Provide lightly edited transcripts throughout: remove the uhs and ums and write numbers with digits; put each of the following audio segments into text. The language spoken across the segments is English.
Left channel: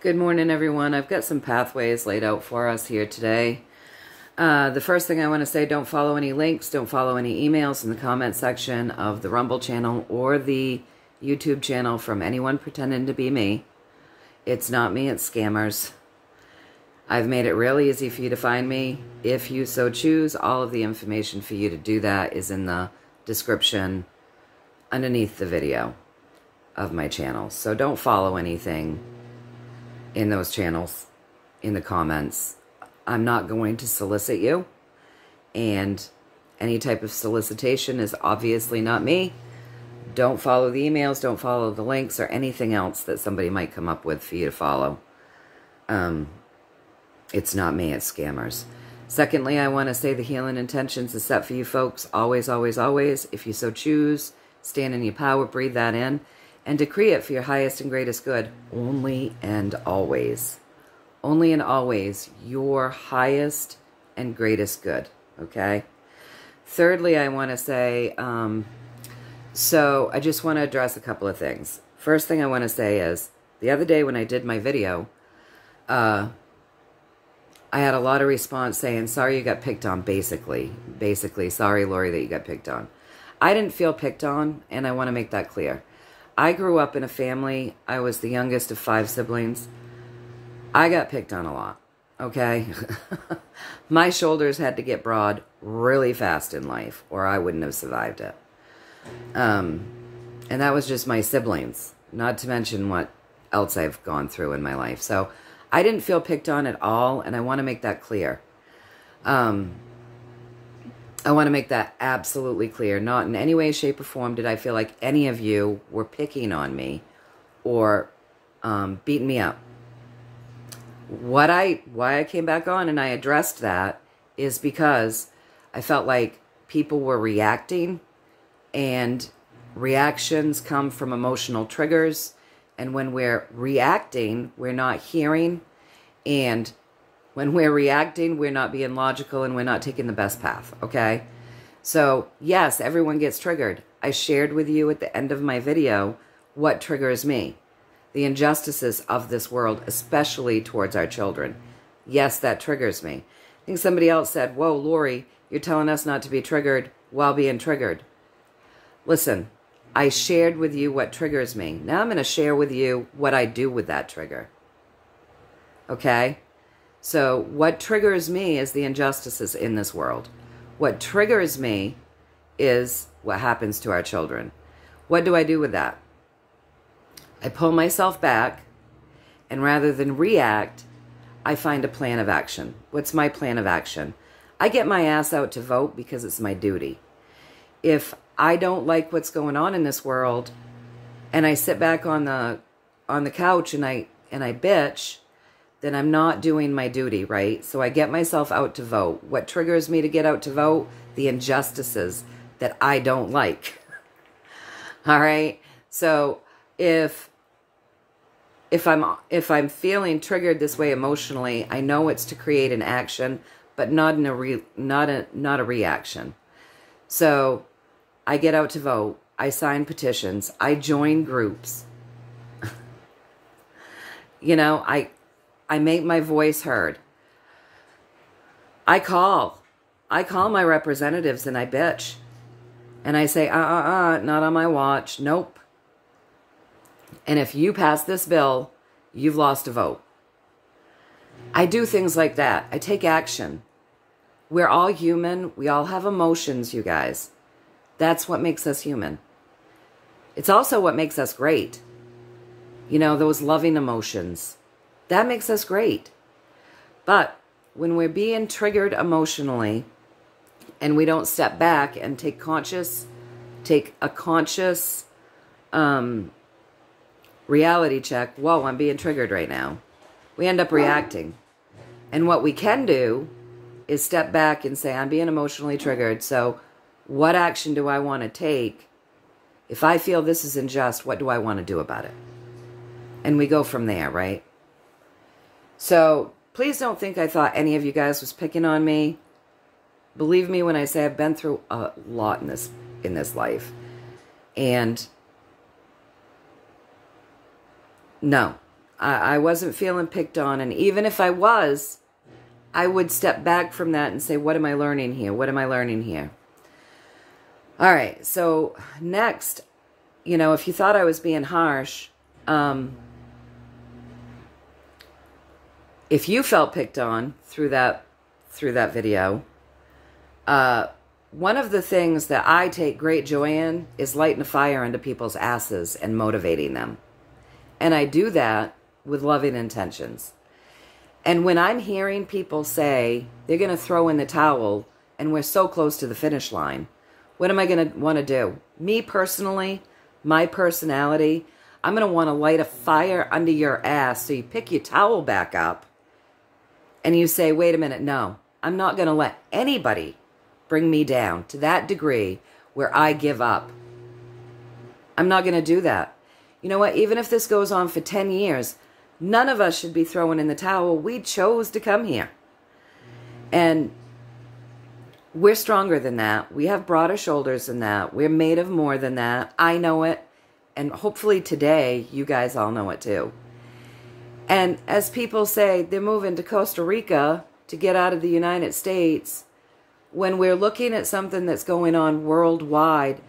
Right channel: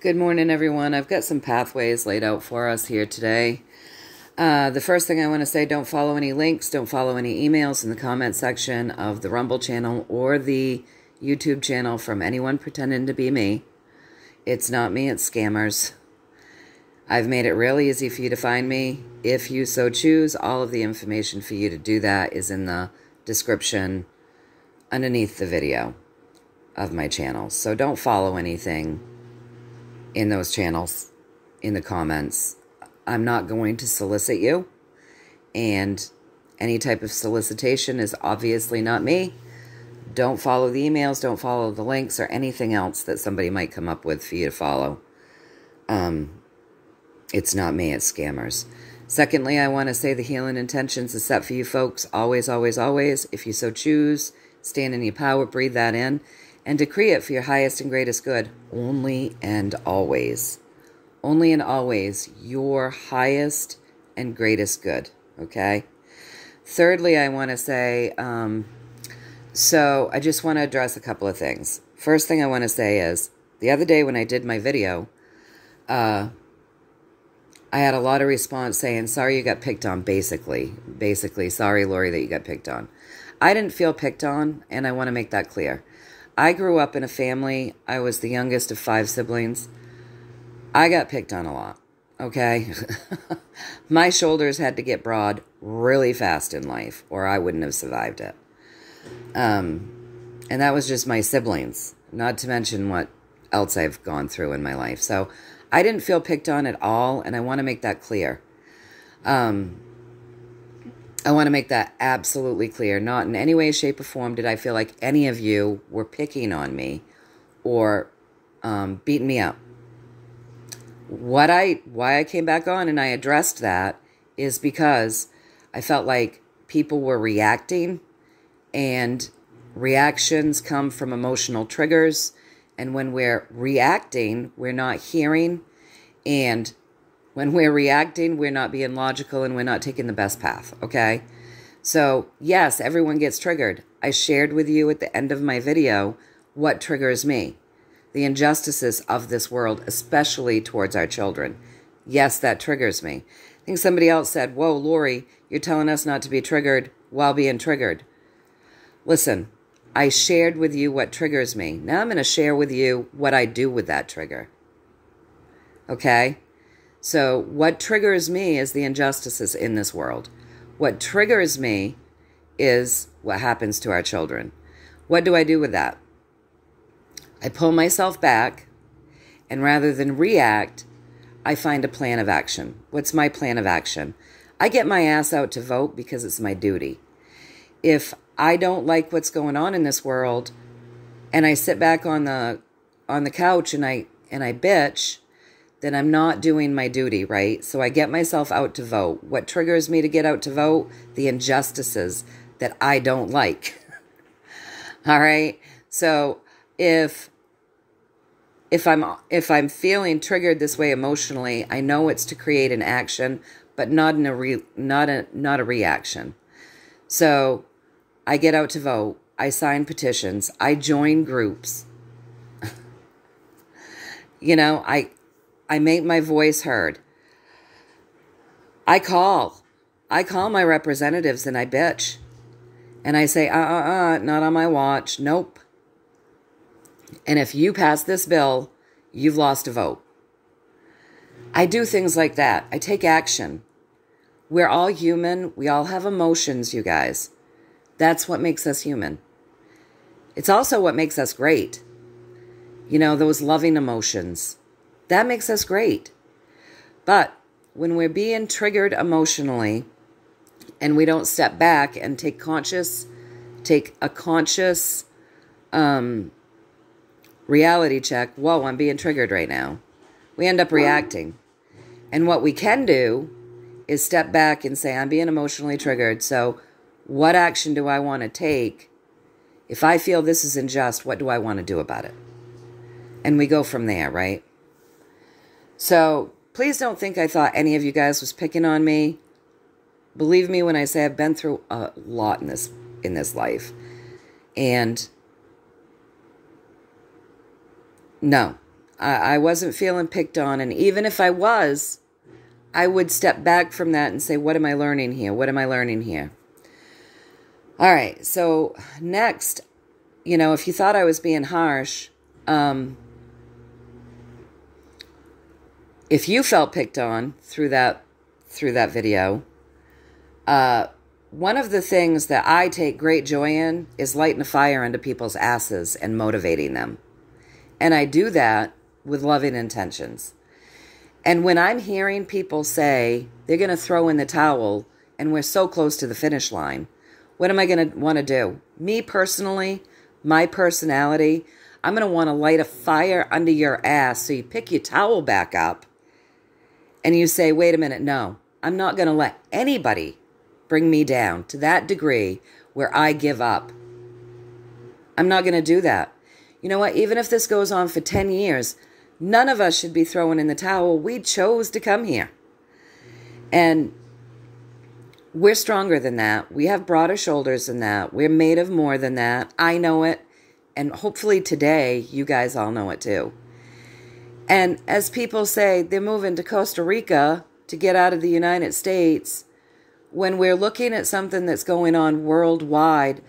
Good morning, everyone. I've got some pathways laid out for us here today. The first thing I want to say, don't follow any links, don't follow any emails in the comment section of the Rumble channel or the YouTube channel from anyone pretending to be me. It's not me, it's scammers. I've made it real easy for you to find me. If you so choose, all of the information for you to do that is in the description underneath the video of my channel. So don't follow anything in those channels, in the comments. I'm not going to solicit you, and any type of solicitation is obviously not me. Don't follow the emails, don't follow the links, or anything else that somebody might come up with for you to follow. It's not me, it's scammers. Secondly, I want to say the healing intentions is set for you folks, always, always, always. If you so choose, stand in your power, breathe that in, and decree it for your highest and greatest good, only and always. Only and always your highest and greatest good, okay? Thirdly, I want to say, so I just want to address a couple of things. First thing I want to say is, the other day when I did my video, I had a lot of response saying, sorry you got picked on, basically, sorry, Lorri, that you got picked on. I didn't feel picked on, and I want to make that clear. I grew up in a family. I was the youngest of 5 siblings. I got picked on a lot, okay? My shoulders had to get broad really fast in life, or I wouldn't have survived it. And that was just my siblings, not to mention what else I've gone through in my life. So I didn't feel picked on at all, and I want to make that clear. I want to make that absolutely clear. Not in any way, shape, or form did I feel like any of you were picking on me or beating me up. Why I came back on and I addressed that is because I felt like people were reacting, and reactions come from emotional triggers. And when we're reacting, we're not hearing. And when we're reacting, we're not being logical, and we're not taking the best path, okay? So, yes, everyone gets triggered. I shared with you at the end of my video what triggers me. The injustices of this world, especially towards our children. Yes, that triggers me. I think somebody else said, whoa, Lorri, you're telling us not to be triggered while being triggered. Listen, I shared with you what triggers me. Now I'm going to share with you what I do with that trigger. Okay? So what triggers me is the injustices in this world. What triggers me is what happens to our children. What do I do with that? I pull myself back, and rather than react, I find a plan of action. What's my plan of action? I get my ass out to vote because it's my duty. If I don't like what's going on in this world, and I sit back on the couch and I bitch, then I'm not doing my duty, right? So I get myself out to vote. What triggers me to get out to vote? The injustices that I don't like. All right? So if I'm feeling triggered this way emotionally, I know it's to create an action, but not a reaction. So I get out to vote. I sign petitions. I join groups. You know, I make my voice heard. I call my representatives and I bitch. And I say, not on my watch. Nope. And if you pass this bill, you've lost a vote. I do things like that. I take action. We're all human. We all have emotions, you guys. That's what makes us human. It's also what makes us great. You know, those loving emotions. That makes us great. But when we're being triggered emotionally and we don't step back and take a conscious reality check, whoa, I'm being triggered right now, we end up reacting. And what we can do is step back and say, I'm being emotionally triggered, so what action do I want to take? If I feel this is unjust, what do I want to do about it? And we go from there, right? So please don't think I thought any of you guys was picking on me. Believe me when I say I've been through a lot in this life. And no, I wasn't feeling picked on. And even if I was, I would step back from that and say, what am I learning here? What am I learning here? All right, so next, you know, if you thought I was being harsh, if you felt picked on through that video, one of the things that I take great joy in is lighting a fire under people's asses and motivating them. And I do that with loving intentions. And when I'm hearing people say they're going to throw in the towel and we're so close to the finish line, what am I going to want to do? Me personally, my personality, I'm going to want to light a fire under your ass so you pick your towel back up and you say, wait a minute, no, I'm not going to let anybody bring me down to that degree where I give up. I'm not going to do that. You know what? Even if this goes on for 10 years, none of us should be throwing in the towel. We chose to come here. And we're stronger than that. We have broader shoulders than that. We're made of more than that. I know it. And hopefully today, you guys all know it too. And as people say, they're moving to Costa Rica to get out of the United States. When we're looking at something that's going on worldwide,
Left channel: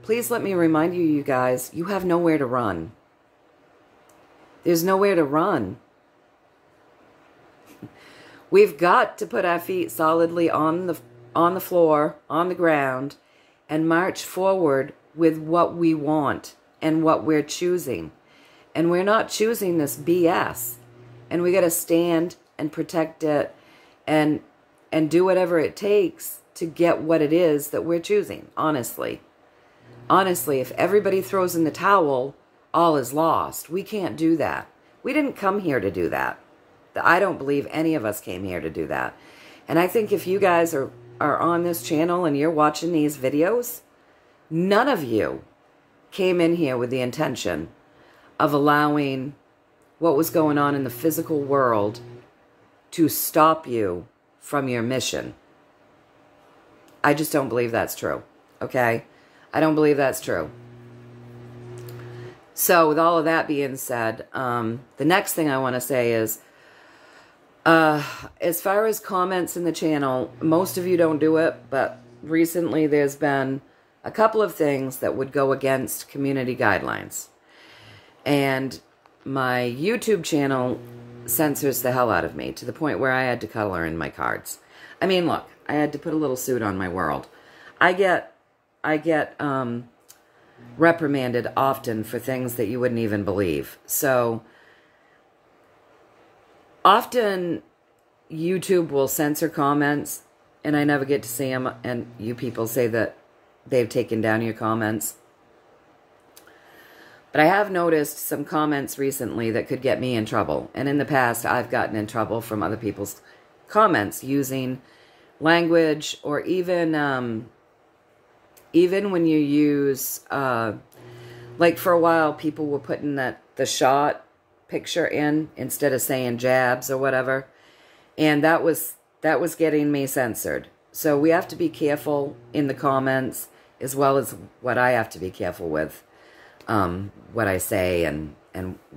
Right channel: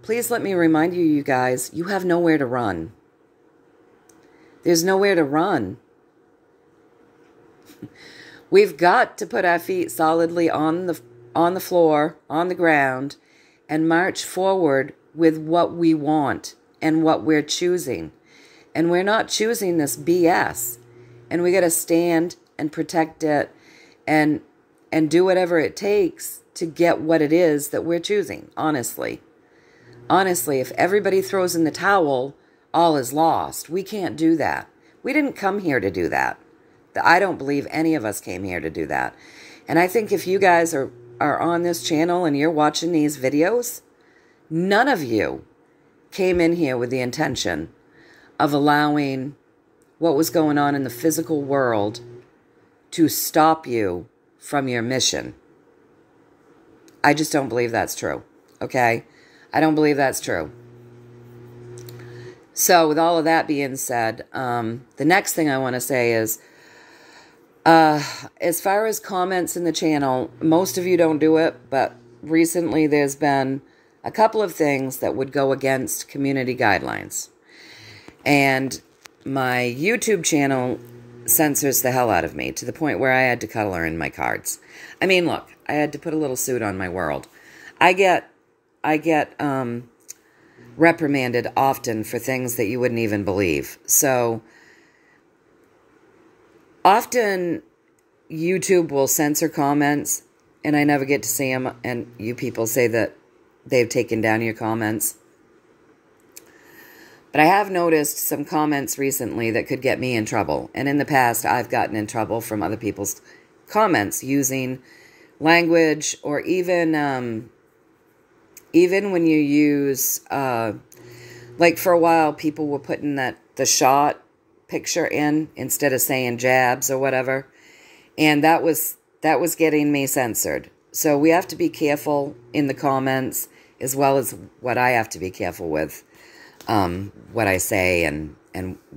please let me remind you, you guys, you have nowhere to run. There's nowhere to run. We've got to put our feet solidly on the floor, on the ground, and march forward with what we want and what we're choosing. And we're not choosing this BS. And we got to stand and protect it and do whatever it takes to get what it is that we're choosing, honestly. Honestly, if everybody throws in the towel, all is lost. We can't do that. We didn't come here to do that. I don't believe any of us came here to do that. And I think if you guys are on this channel and you're watching these videos, none of you came in here with the intention of allowing what was going on in the physical world to stop you from your mission. I just don't believe that's true, okay? I don't believe that's true. So with all of that being said, the next thing I want to say is, as far as comments in the channel, most of you don't do it, but recently there's been a couple of things that would go against community guidelines. And my YouTube channel censors the hell out of me to the point where I had to color in my cards. I mean, look, I had to put a little suit on my world. I get reprimanded often for things that you wouldn't even believe. So often YouTube will censor comments and I never get to see them, and you people say that they've taken down your comments. But I have noticed some comments recently that could get me in trouble. And in the past, I've gotten in trouble from other people's comments using language, or even when you use, like for a while, people were putting the shot picture in instead of saying jabs or whatever. And that was getting me censored. So we have to be careful in the comments, as well as what I have to be careful with. What I say and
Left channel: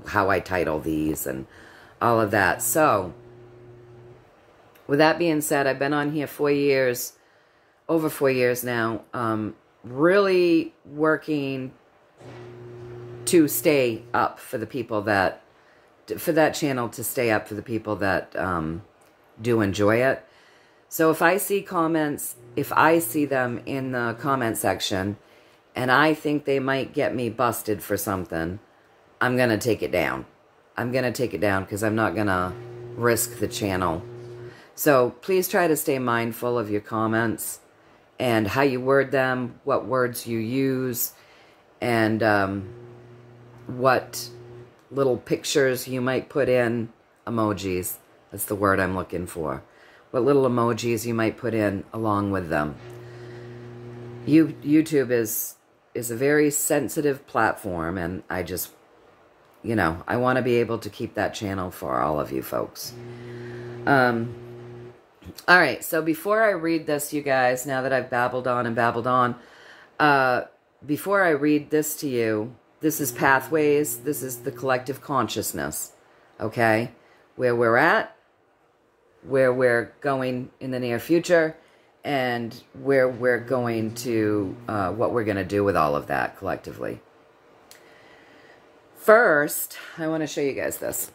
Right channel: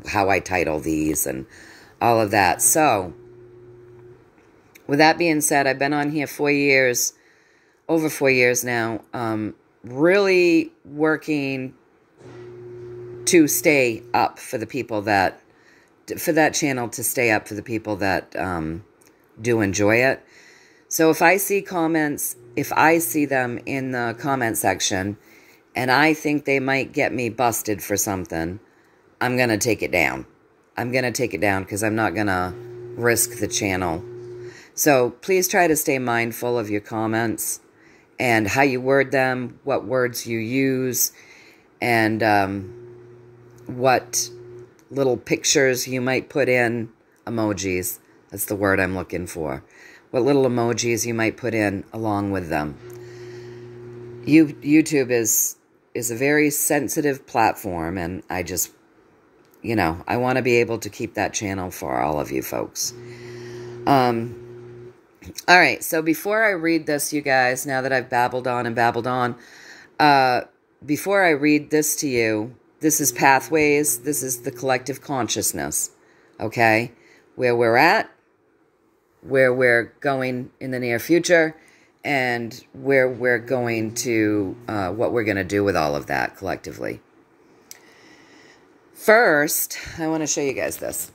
how I title these and all of that. So, with that being said, I've been on here 4 years, over 4 years now, really working to stay up for the people that, for that channel to stay up for the people that do enjoy it. So if I see comments, if I see them in the comment section, and I think they might get me busted for something, I'm going to take it down. I'm going to take it down because I'm not going to risk the channel. So please try to stay mindful of your comments and how you word them, what words you use, and what little pictures you might put in. Emojis, that's the word I'm looking for. What little emojis you might put in along with them. YouTube is a very sensitive platform, and I just, you know, I want to be able to keep that channel for all of you folks. All right, so before I read this, you guys, now that I've babbled on and babbled on, before I read this to you, this is Pathways, this is the collective consciousness, okay? Where we're at, where we're going in the near future, and where we're going to, what we're going to do with all of that collectively. First, I want to show you guys this.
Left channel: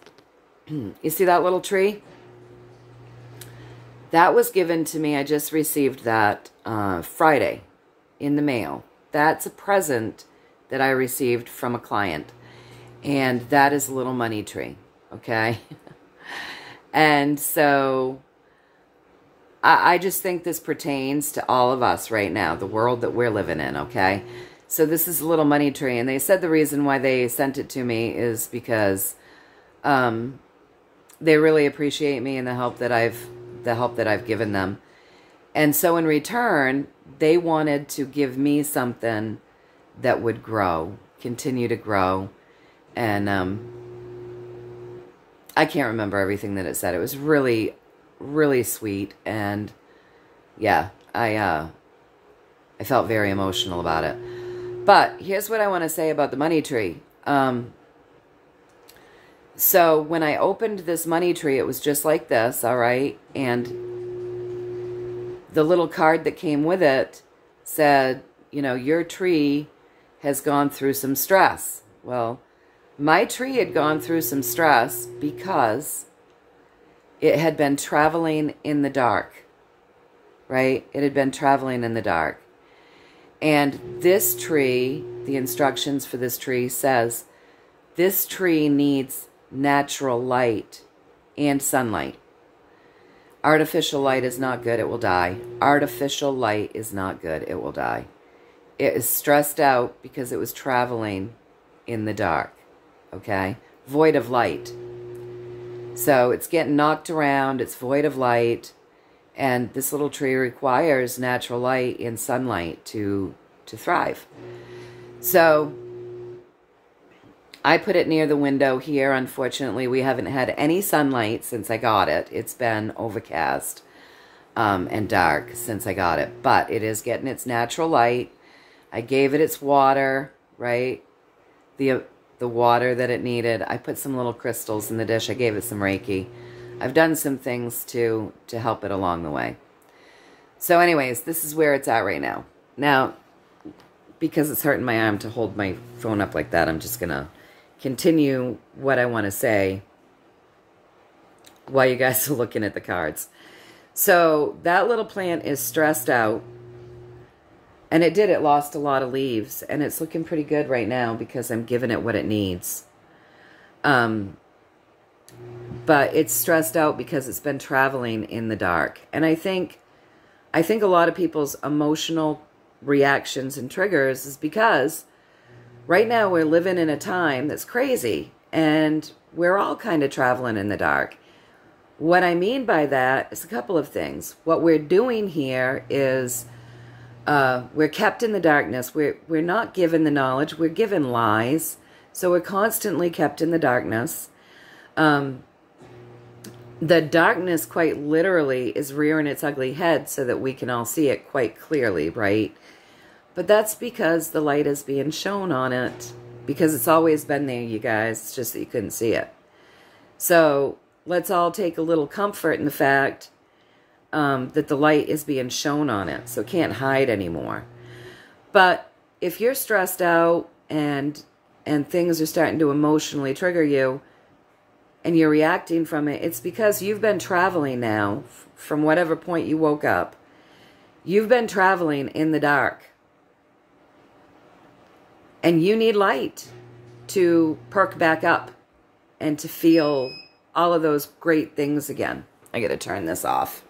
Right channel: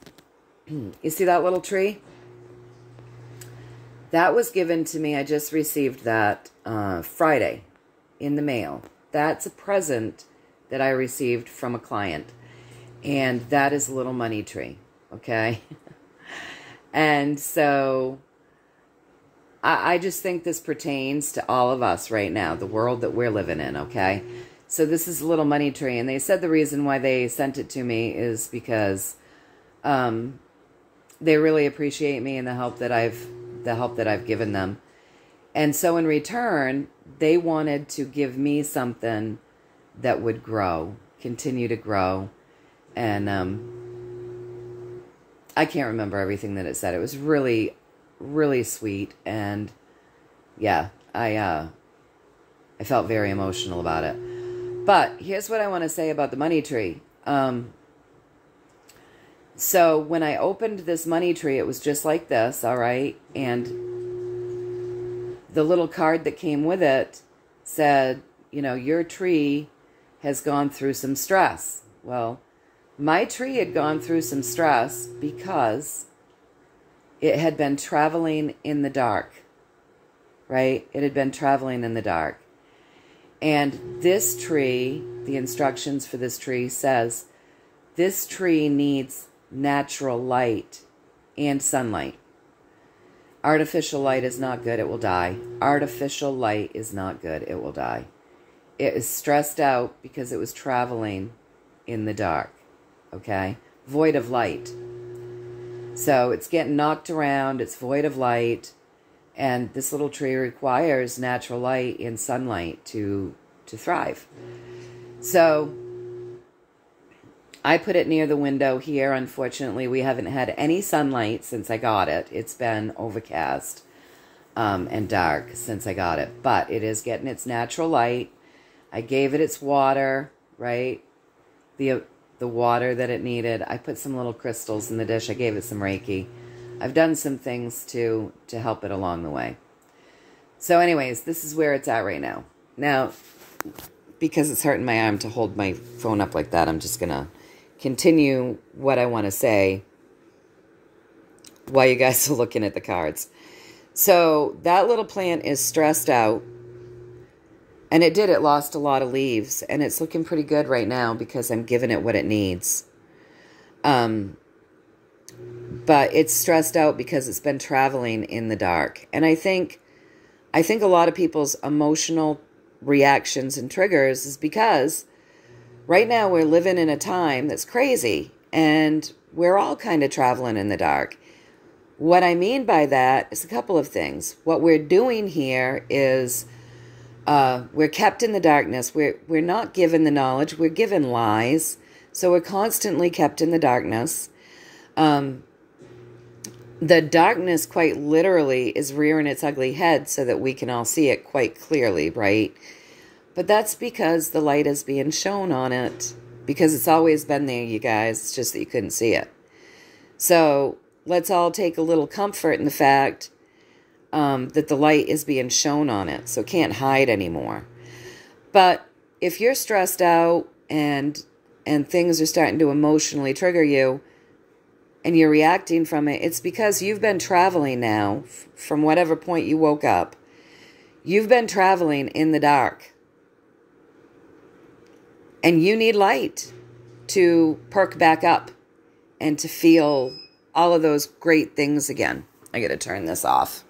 You see that little tree? That was given to me. I just received that Friday in the mail. That's a present that I received from a client. And that is a little money tree, okay? And so I just think this pertains to all of us right now, the world that we're living in, okay? So this is a little money tree. And they said the reason why they sent it to me is because they really appreciate me and the help that I've given them. And so in return, they wanted to give me something that would grow, continue to grow. And I can't remember everything that it said. It was really, really sweet. And yeah, I felt very emotional about it. But here's what I want to say about the money tree. So when I opened this money tree, it was just like this, all right? And the little card that came with it said, you know, your tree has gone through some stress. Well, my tree had gone through some stress because it had been traveling in the dark, right? It had been traveling in the dark. And this tree, the instructions for this tree says, this tree needs natural light and sunlight. Artificial light is not good, it will die. Artificial light is not good, it will die. It is stressed out because it was traveling in the dark, okay? Void of light. So it's getting knocked around, it's void of light, and this little tree requires natural light and sunlight to thrive. So I put it near the window here. Unfortunately, we haven't had any sunlight since I got it. It's been overcast and dark since I got it. But it is getting its natural light. I gave it its water, right? The water that it needed. I put some little crystals in the dish. I gave it some Reiki. I've done some things to help it along the way. So anyways, this is where it's at right now. Now, because it's hurting my arm to hold my phone up like that, I'm just going to continue what I want to say while you guys are looking at the cards. So that little plant is stressed out. And it lost a lot of leaves. And it's looking pretty good right now because I'm giving it what it needs. But it's stressed out because it's been traveling in the dark. And I think a lot of people's emotional reactions and triggers is because right now we're living in a time that's crazy. And we're all kind of traveling in the dark. What I mean by that is a couple of things. What we're doing here is we're kept in the darkness. We're not given the knowledge. We're given lies. So we're constantly kept in the darkness. The darkness quite literally is rearing its ugly head so that we can all see it quite clearly, right? But that's because the light is being shown on it. Because it's always been there, you guys. It's just that you couldn't see it. So let's all take a little comfort in the fact that the light is being shown on it. So it can't hide anymore. But if you're stressed out and things are starting to emotionally trigger you and you're reacting from it, it's because you've been traveling now from whatever point you woke up. You've been traveling in the dark. And you need light to perk back up and to feel all of those great things again. I got to turn this off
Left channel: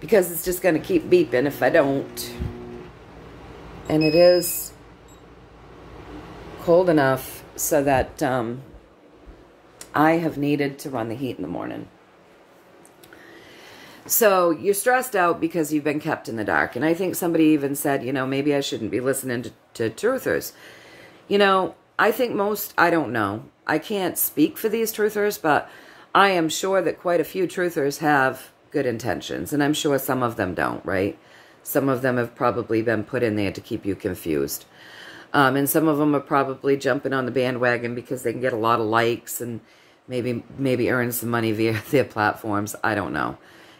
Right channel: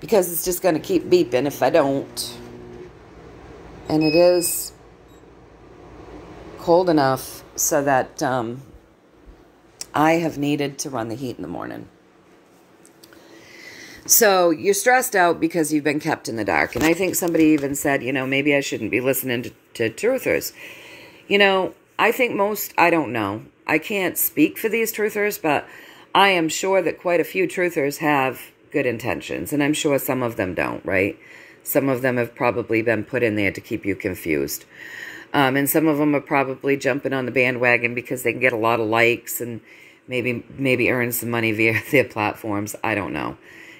because it's just going to keep beeping if I don't. And it is cold enough so that I have needed to run the heat in the morning. So you're stressed out because you've been kept in the dark. And I think somebody even said, you know, maybe I shouldn't be listening to truthers. You know, I think I don't know. I can't speak for these truthers, but I am sure that quite a few truthers have good intentions. And I'm sure some of them don't, right? Some of them have probably been put in there to keep you confused. And some of them are probably jumping on the bandwagon because they can get a lot of likes and maybe earn some money via their platforms. I don't know.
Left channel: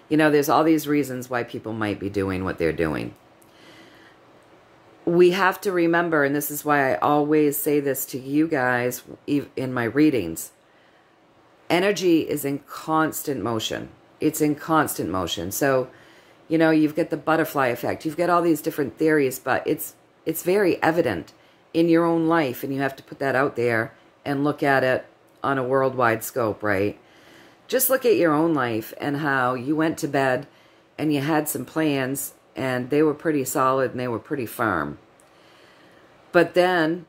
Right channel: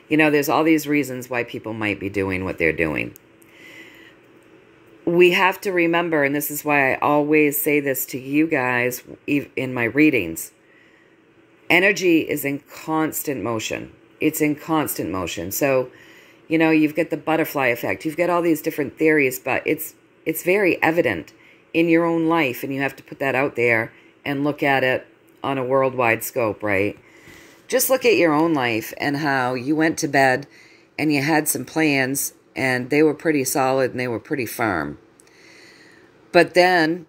You know, there's all these reasons why people might be doing what they're doing. We have to remember, and this is why I always say this to you guys in my readings, energy is in constant motion. It's in constant motion. So, you know, you've got the butterfly effect. You've got all these different theories, but it's very evident in your own life, and you have to put that out there and look at it on a worldwide scope, right? Just look at your own life and how you went to bed and you had some plans and they were pretty solid and they were pretty firm. But then,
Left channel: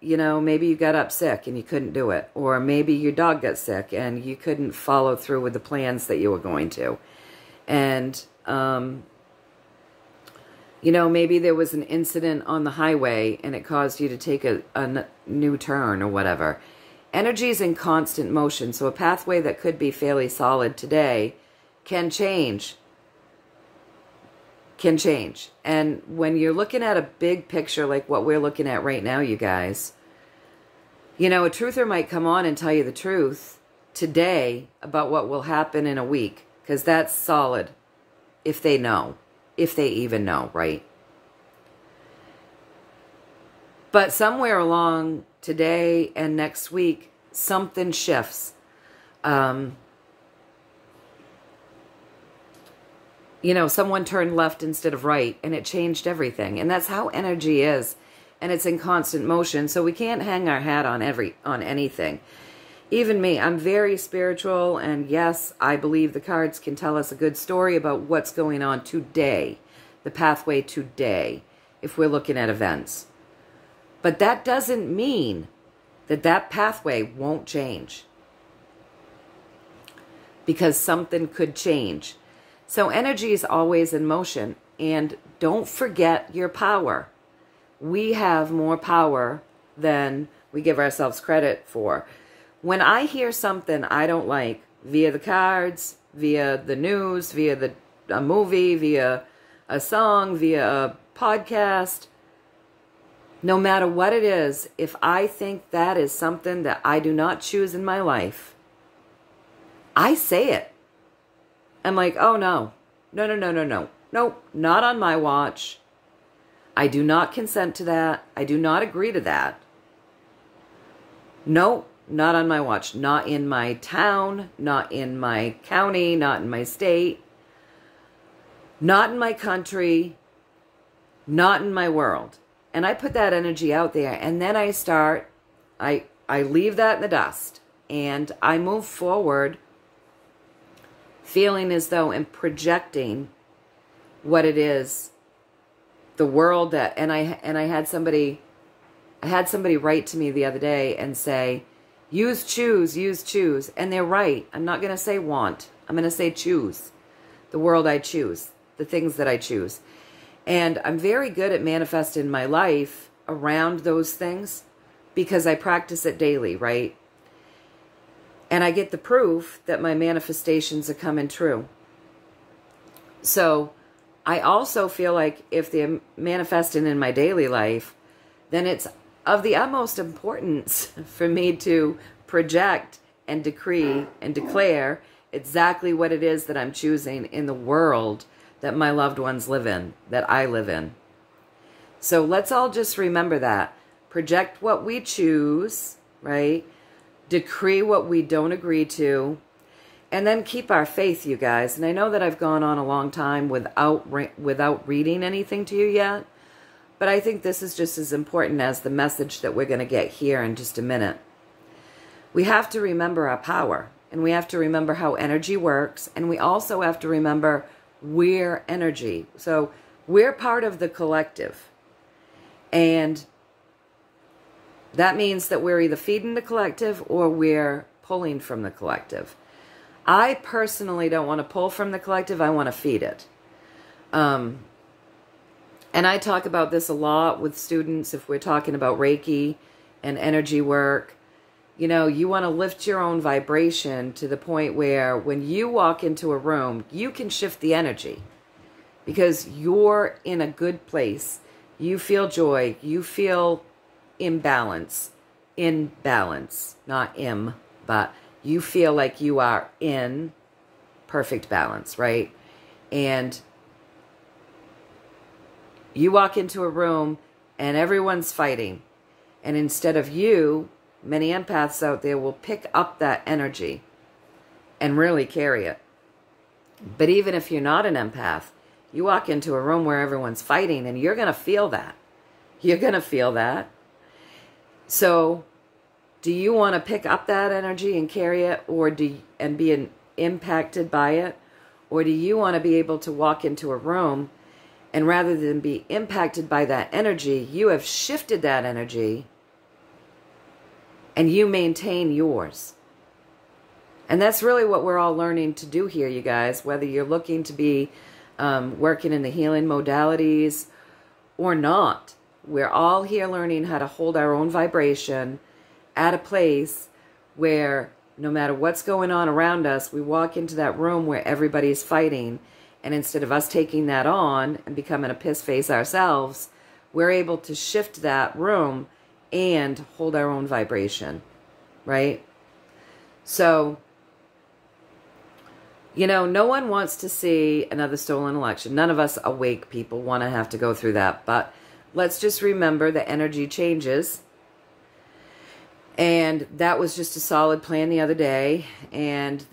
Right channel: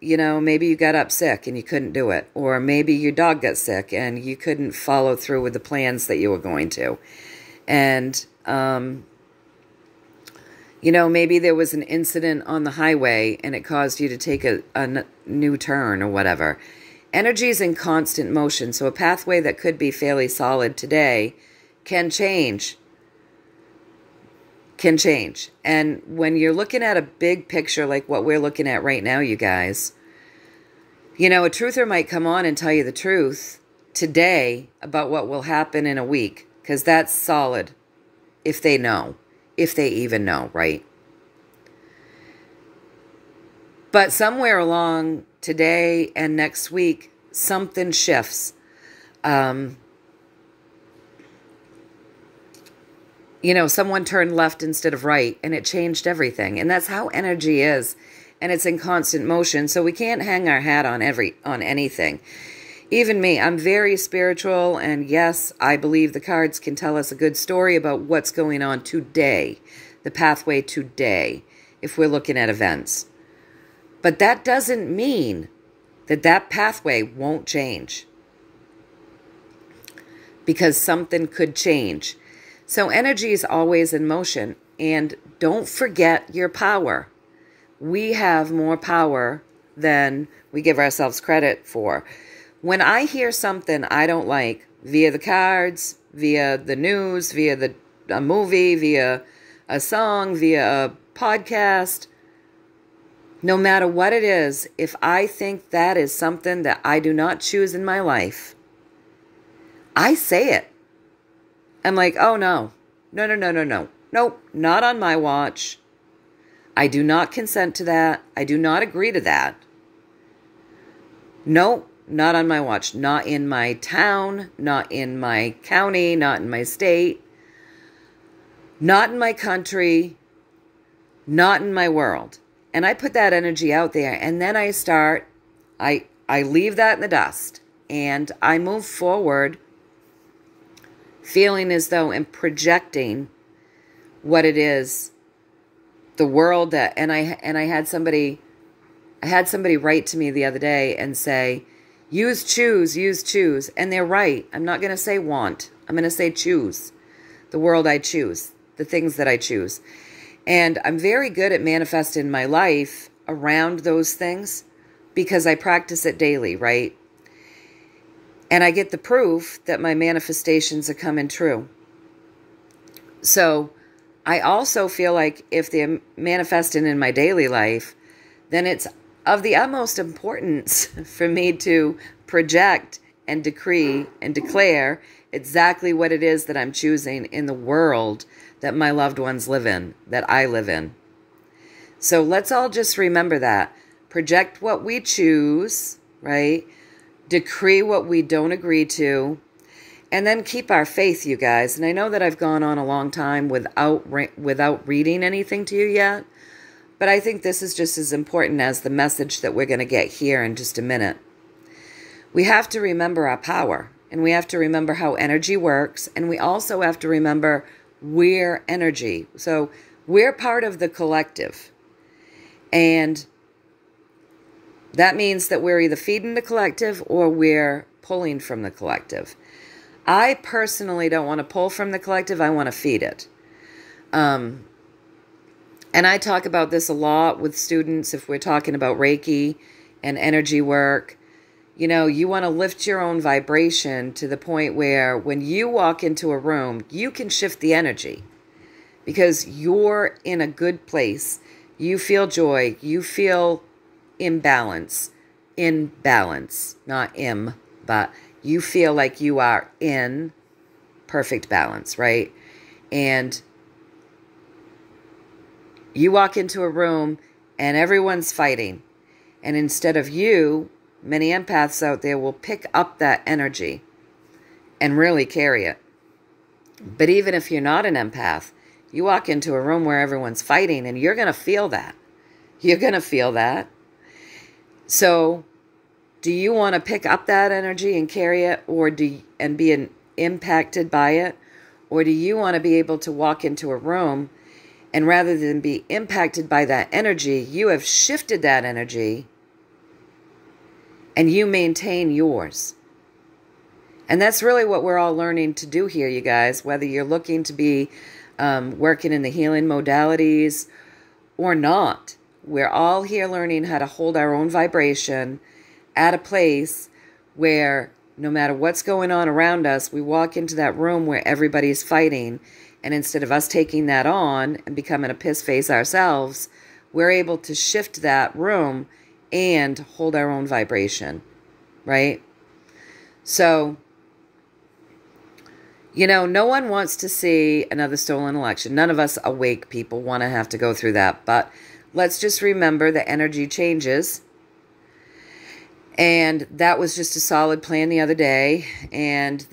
you know, maybe you got up sick and you couldn't do it. Or maybe your dog got sick and you couldn't follow through with the plans that you were going to. And, you know, maybe there was an incident on the highway and it caused you to take a new turn or whatever. Energy is in constant motion, so a pathway that could be fairly solid today can change. Can change. And when you're looking at a big picture like what we're looking at right now, you guys, you know, a truther might come on and tell you the truth today about what will happen in a week, because that's solid if they know, if they even know, right? But somewhere along today and next week, something shifts. You know, someone turned left instead of right, and it changed everything. And that's how energy is. And it's in constant motion, so we can't hang our hat on anything. Even me, I'm very spiritual, and yes, I believe the cards can tell us a good story about what's going on today, the pathway today, if we're looking at events. But that doesn't mean that that pathway won't change, because something could change. So energy is always in motion, and don't forget your power. We have more power than we give ourselves credit for. When I hear something I don't like via the cards, via the news, via a movie, via a song, via a podcast, no matter what it is, if I think that is something that I do not choose in my life, I say it. I'm like, oh no, no. Nope, not on my watch. I do not consent to that. I do not agree to that. Nope, not on my watch. Not in my town, not in my county, not in my state, not in my country, not in my world. And I put that energy out there, and then I leave that in the dust, and I move forward feeling as though I'm projecting what it is, the world that, and I had somebody write to me the other day and say, use choose, and they're right. I'm not going to say want. I'm going to say choose. The world I choose, the things that I choose. And I'm very good at manifesting my life around those things because I practice it daily, right? And I get the proof that my manifestations are coming true. So I also feel like if they're manifesting in my daily life, then it's of the utmost importance for me to project and decree and declare exactly what it is that I'm choosing in the world that my loved ones live in, that I live in. So let's all just remember that. Project what we choose, right? Decree what we don't agree to, and then keep our faith, you guys. And I know that I've gone on a long time without reading anything to you yet, but I think this is just as important as the message that we're going to get here in just a minute. We have to remember our power, and we have to remember how energy works, and we also have to remember we're energy. So we're part of the collective. And that means that we're either feeding the collective or we're pulling from the collective. I personally don't want to pull from the collective. I want to feed it. And I talk about this a lot with students if we're talking about Reiki and energy work. You know, you want to lift your own vibration to the point where when you walk into a room, you can shift the energy because you're in a good place. You feel joy. You feel imbalance. In balance. Not im, but you feel like you are in perfect balance, right? And you walk into a room and everyone's fighting. And instead of you, many empaths out there will pick up that energy and really carry it. But even if you're not an empath, you walk into a room where everyone's fighting and you're going to feel that. You're going to feel that. So do you want to pick up that energy and carry it and be impacted by it? Or do you want to be able to walk into a room and rather than be impacted by that energy, you have shifted that energy and you maintain yours? And that's really what we're all learning to do here, you guys, whether you're looking to be working in the healing modalities or not. We're all here learning how to hold our own vibration at a place where no matter what's going on around us, we walk into that room where everybody's fighting, and instead of us taking that on and becoming a piss face ourselves, we're able to shift that room and hold our own vibration, right? So, you know, no one wants to see another stolen election. None of us awake people want to have to go through that. But let's just remember the energy changes. And that was just a solid plan the other day. And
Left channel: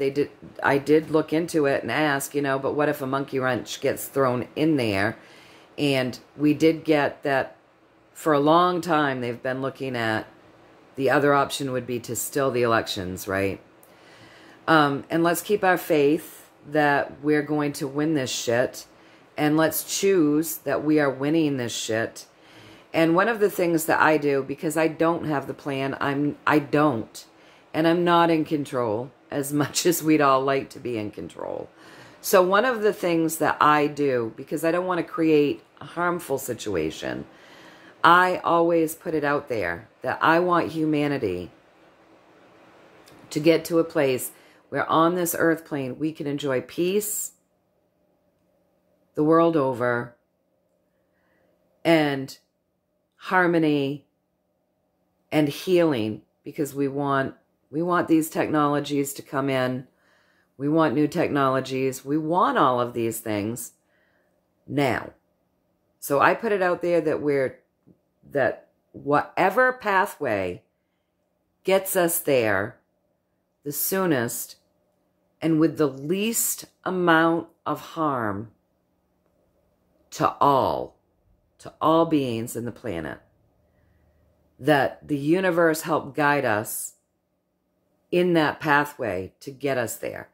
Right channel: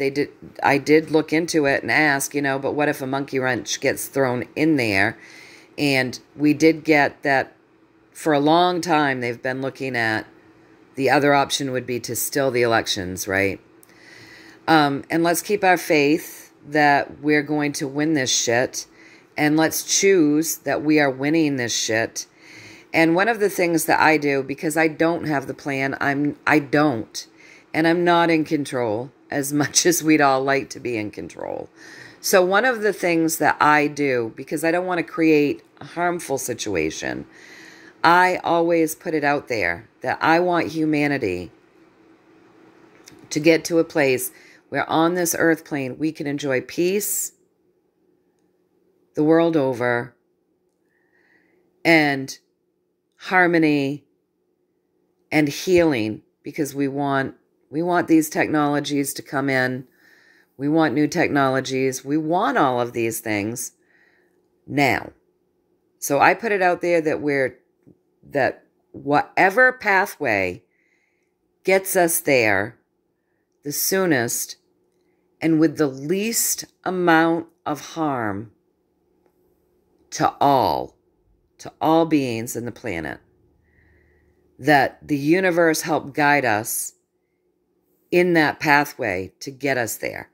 I did look into it and ask, you know, but what if a monkey wrench gets thrown in there? And we did get that for a long time they've been looking at the other option would be to still the elections, right? And let's keep our faith that we're going to win this shit. And let's choose that we are winning this shit. And one of the things that I do, because I don't have the plan, I don't. And I'm not in control as much as we'd all like to be in control. So one of the things that I do, because I don't want to create a harmful situation, I always put it out there that I want humanity to get to a place where on this earth plane we can enjoy peace the world over and harmony and healing, because we want these technologies to come in. We want new technologies. We want all of these things now. So I put it out there that whatever pathway gets us there the soonest and with the least amount of harm to all beings in the planet, that the universe help guide us in that pathway to get us there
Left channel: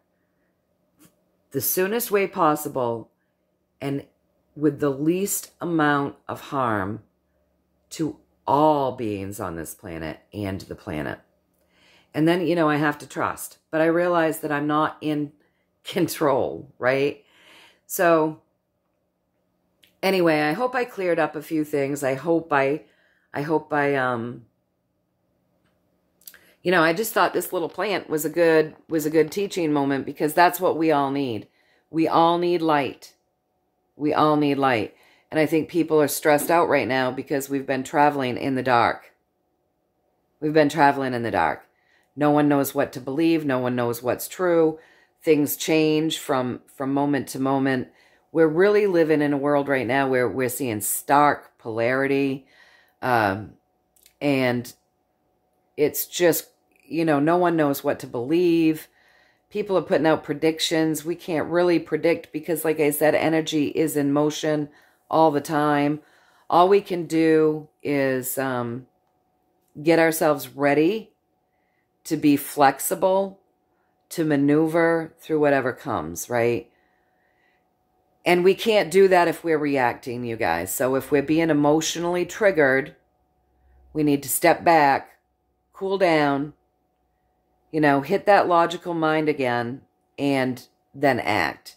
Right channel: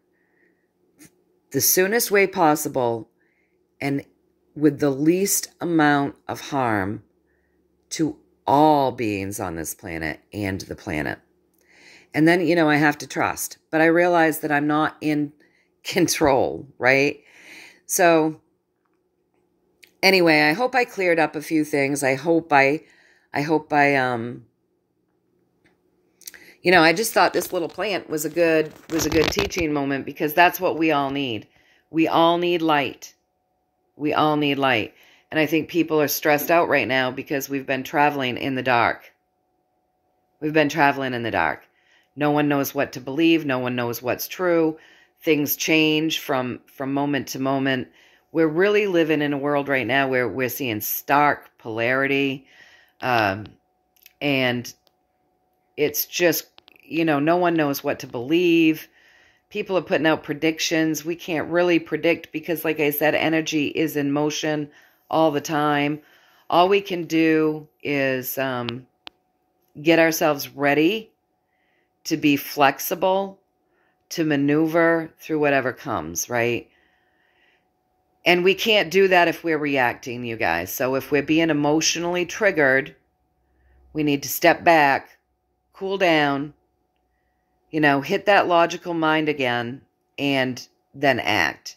the soonest way possible and with the least amount of harm to all beings on this planet and the planet. And then, you know, I have to trust. But I realize that I'm not in control, right? So, anyway, I hope I cleared up a few things. I hope I you know, I just thought this little plant was a good teaching moment, because that's what we all need. We all need light. We all need light. And I think people are stressed out right now because we've been traveling in the dark. We've been traveling in the dark. No one knows what to believe. No one knows what's true. Things change from moment to moment. We're really living in a world right now where we're seeing stark polarity. And it's just, you know, no one knows what to believe. People are putting out predictions. We can't really predict because, like I said, energy is in motion all the time. All we can do is get ourselves ready to be flexible, to maneuver through whatever comes, right? And we can't do that if we're reacting, you guys. So if we're being emotionally triggered, we need to step back, cool down, you know, hit that logical mind again, and then act.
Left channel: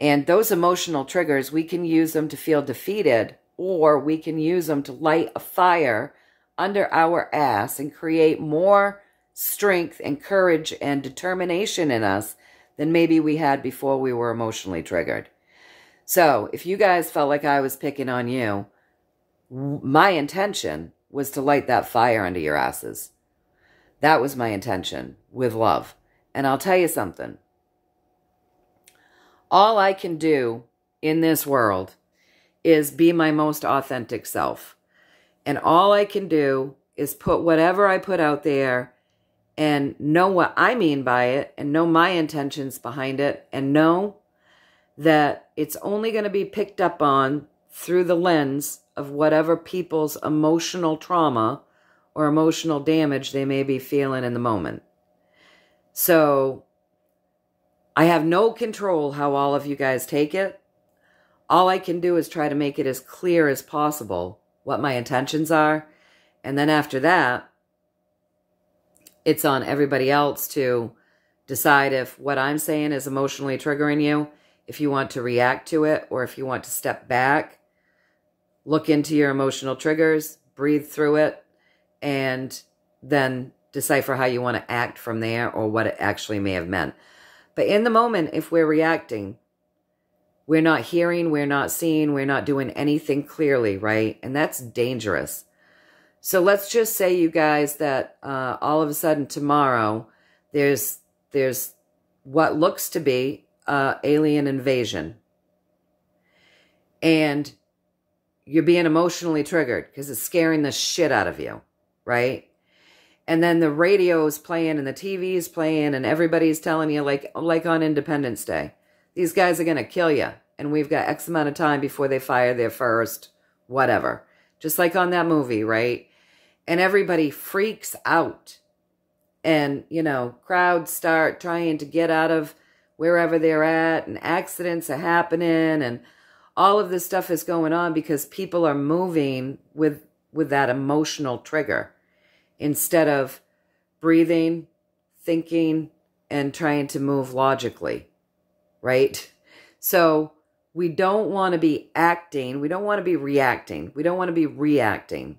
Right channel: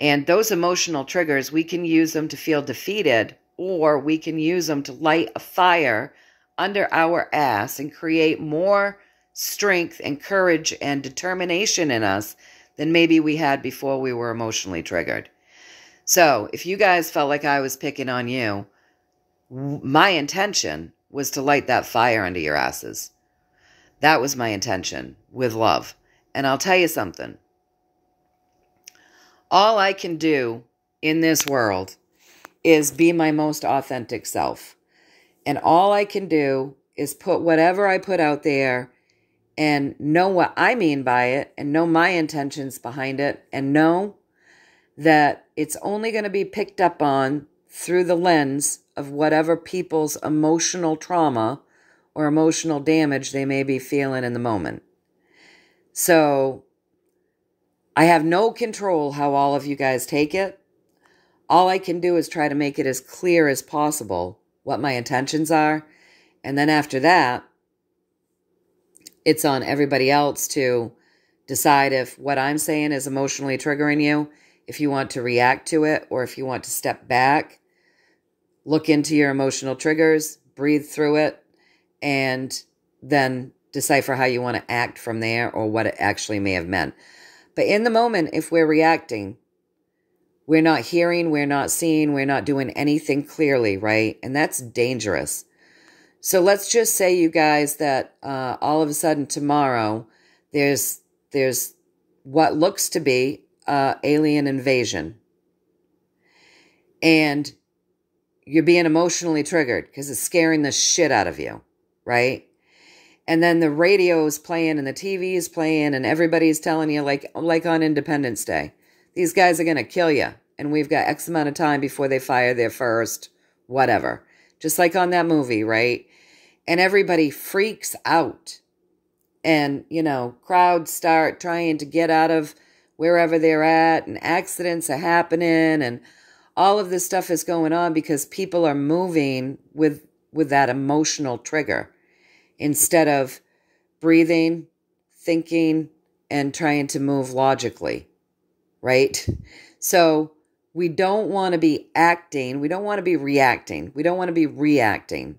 And those emotional triggers, we can use them to feel defeated, or we can use them to light a fire under our ass and create more strength and courage and determination in us than maybe we had before we were emotionally triggered. So if you guys felt like I was picking on you, my intention was to light that fire under your asses. That was my intention with love. And I'll tell you something. All I can do in this world is be my most authentic self. And all I can do is put whatever I put out there and know what I mean by it and know my intentions behind it and know that it's only going to be picked up on through the lens of whatever people's emotional trauma or emotional damage they may be feeling in the moment. So I have no control how all of you guys take it. All I can do is try to make it as clear as possible what my intentions are. And then after that, it's on everybody else to decide if what I'm saying is emotionally triggering you, if you want to react to it, or if you want to step back, look into your emotional triggers, breathe through it, and then decipher how you want to act from there or what it actually may have meant. But in the moment, if we're reacting, we're not hearing, we're not seeing, we're not doing anything clearly, right? And that's dangerous. So let's just say, you guys, that all of a sudden tomorrow, there's what looks to be alien invasion. And you're being emotionally triggered because it's scaring the shit out of you, right? And then the radio is playing and the TV is playing and everybody's telling you, like on Independence Day, these guys are going to kill you. And we've got X amount of time before they fire their first whatever. Just like on that movie, right? And everybody freaks out. And, you know, crowds start trying to get out of wherever they're at. And accidents are happening. And all of this stuff is going on because people are moving with that emotional trigger. Instead of breathing, thinking, and trying to move logically. Right? So we don't want to be acting. We don't want to be reacting. We don't want to be reacting.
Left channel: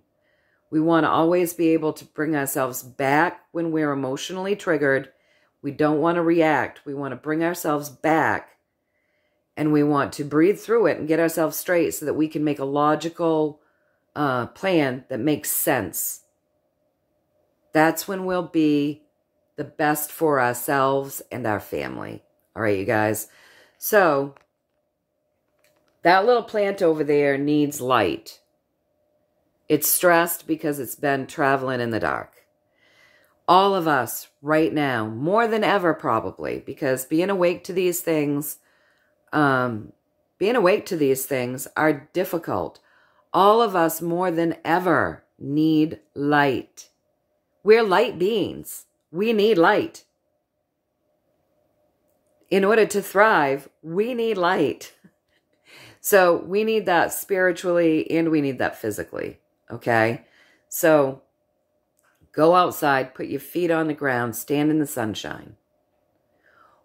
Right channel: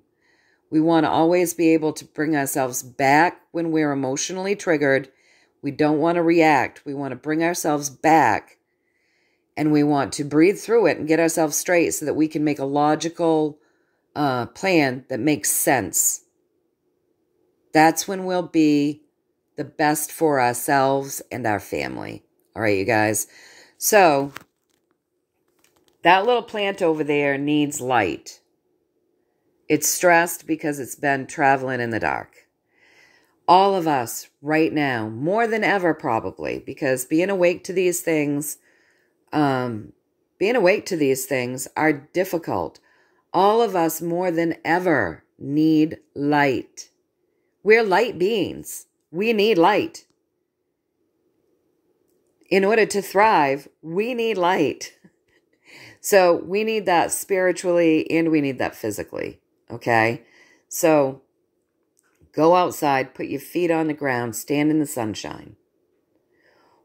We want to always be able to bring ourselves back when we're emotionally triggered. We don't want to react. We want to bring ourselves back. And we want to breathe through it and get ourselves straight so that we can make a logical plan that makes sense. That's when we'll be the best for ourselves and our family. All right, you guys. So that little plant over there needs light. It's stressed because it's been traveling in the dark. All of us right now, more than ever probably, because being awake to these things are difficult. All of us more than ever need light. We're light beings. We need light. In order to thrive, we need light. So we need that spiritually and we need that physically. Okay? So go outside, put your feet on the ground, stand in the sunshine.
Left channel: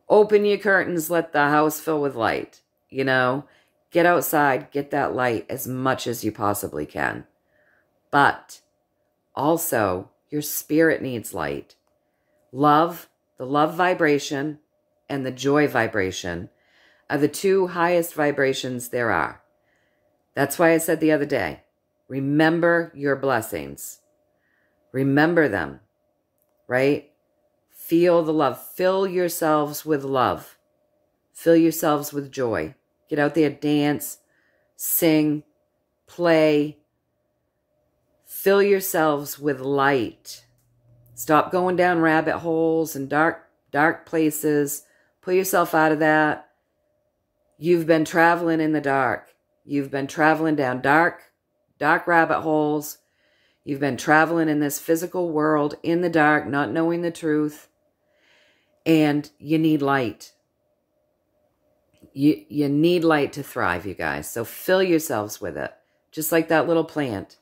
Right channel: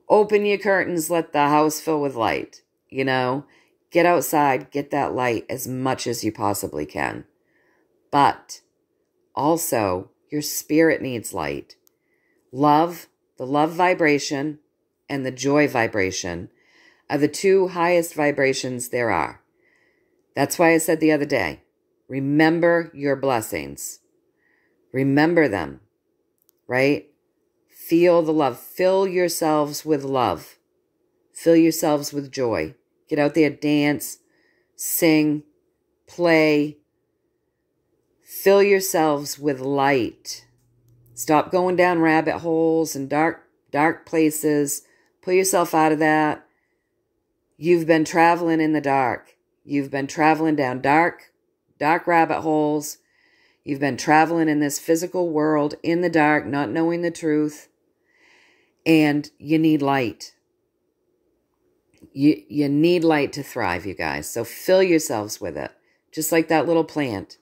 Open your curtains, let the house fill with light. You know, get outside, get that light as much as you possibly can. But also, your spirit needs light. Love, the love vibration, and the joy vibration are the two highest vibrations there are. That's why I said the other day, remember your blessings. Remember them, right? Feel the love. Fill yourselves with love. Fill yourselves with joy. Get out there, dance, sing, play. Fill yourselves with light. Stop going down rabbit holes and dark places. Pull yourself out of that. You've been traveling in the dark. You've been traveling down dark rabbit holes. You've been traveling in this physical world in the dark, not knowing the truth. And you need light. You need light to thrive, you guys. So fill yourselves with it. Just like that little plant.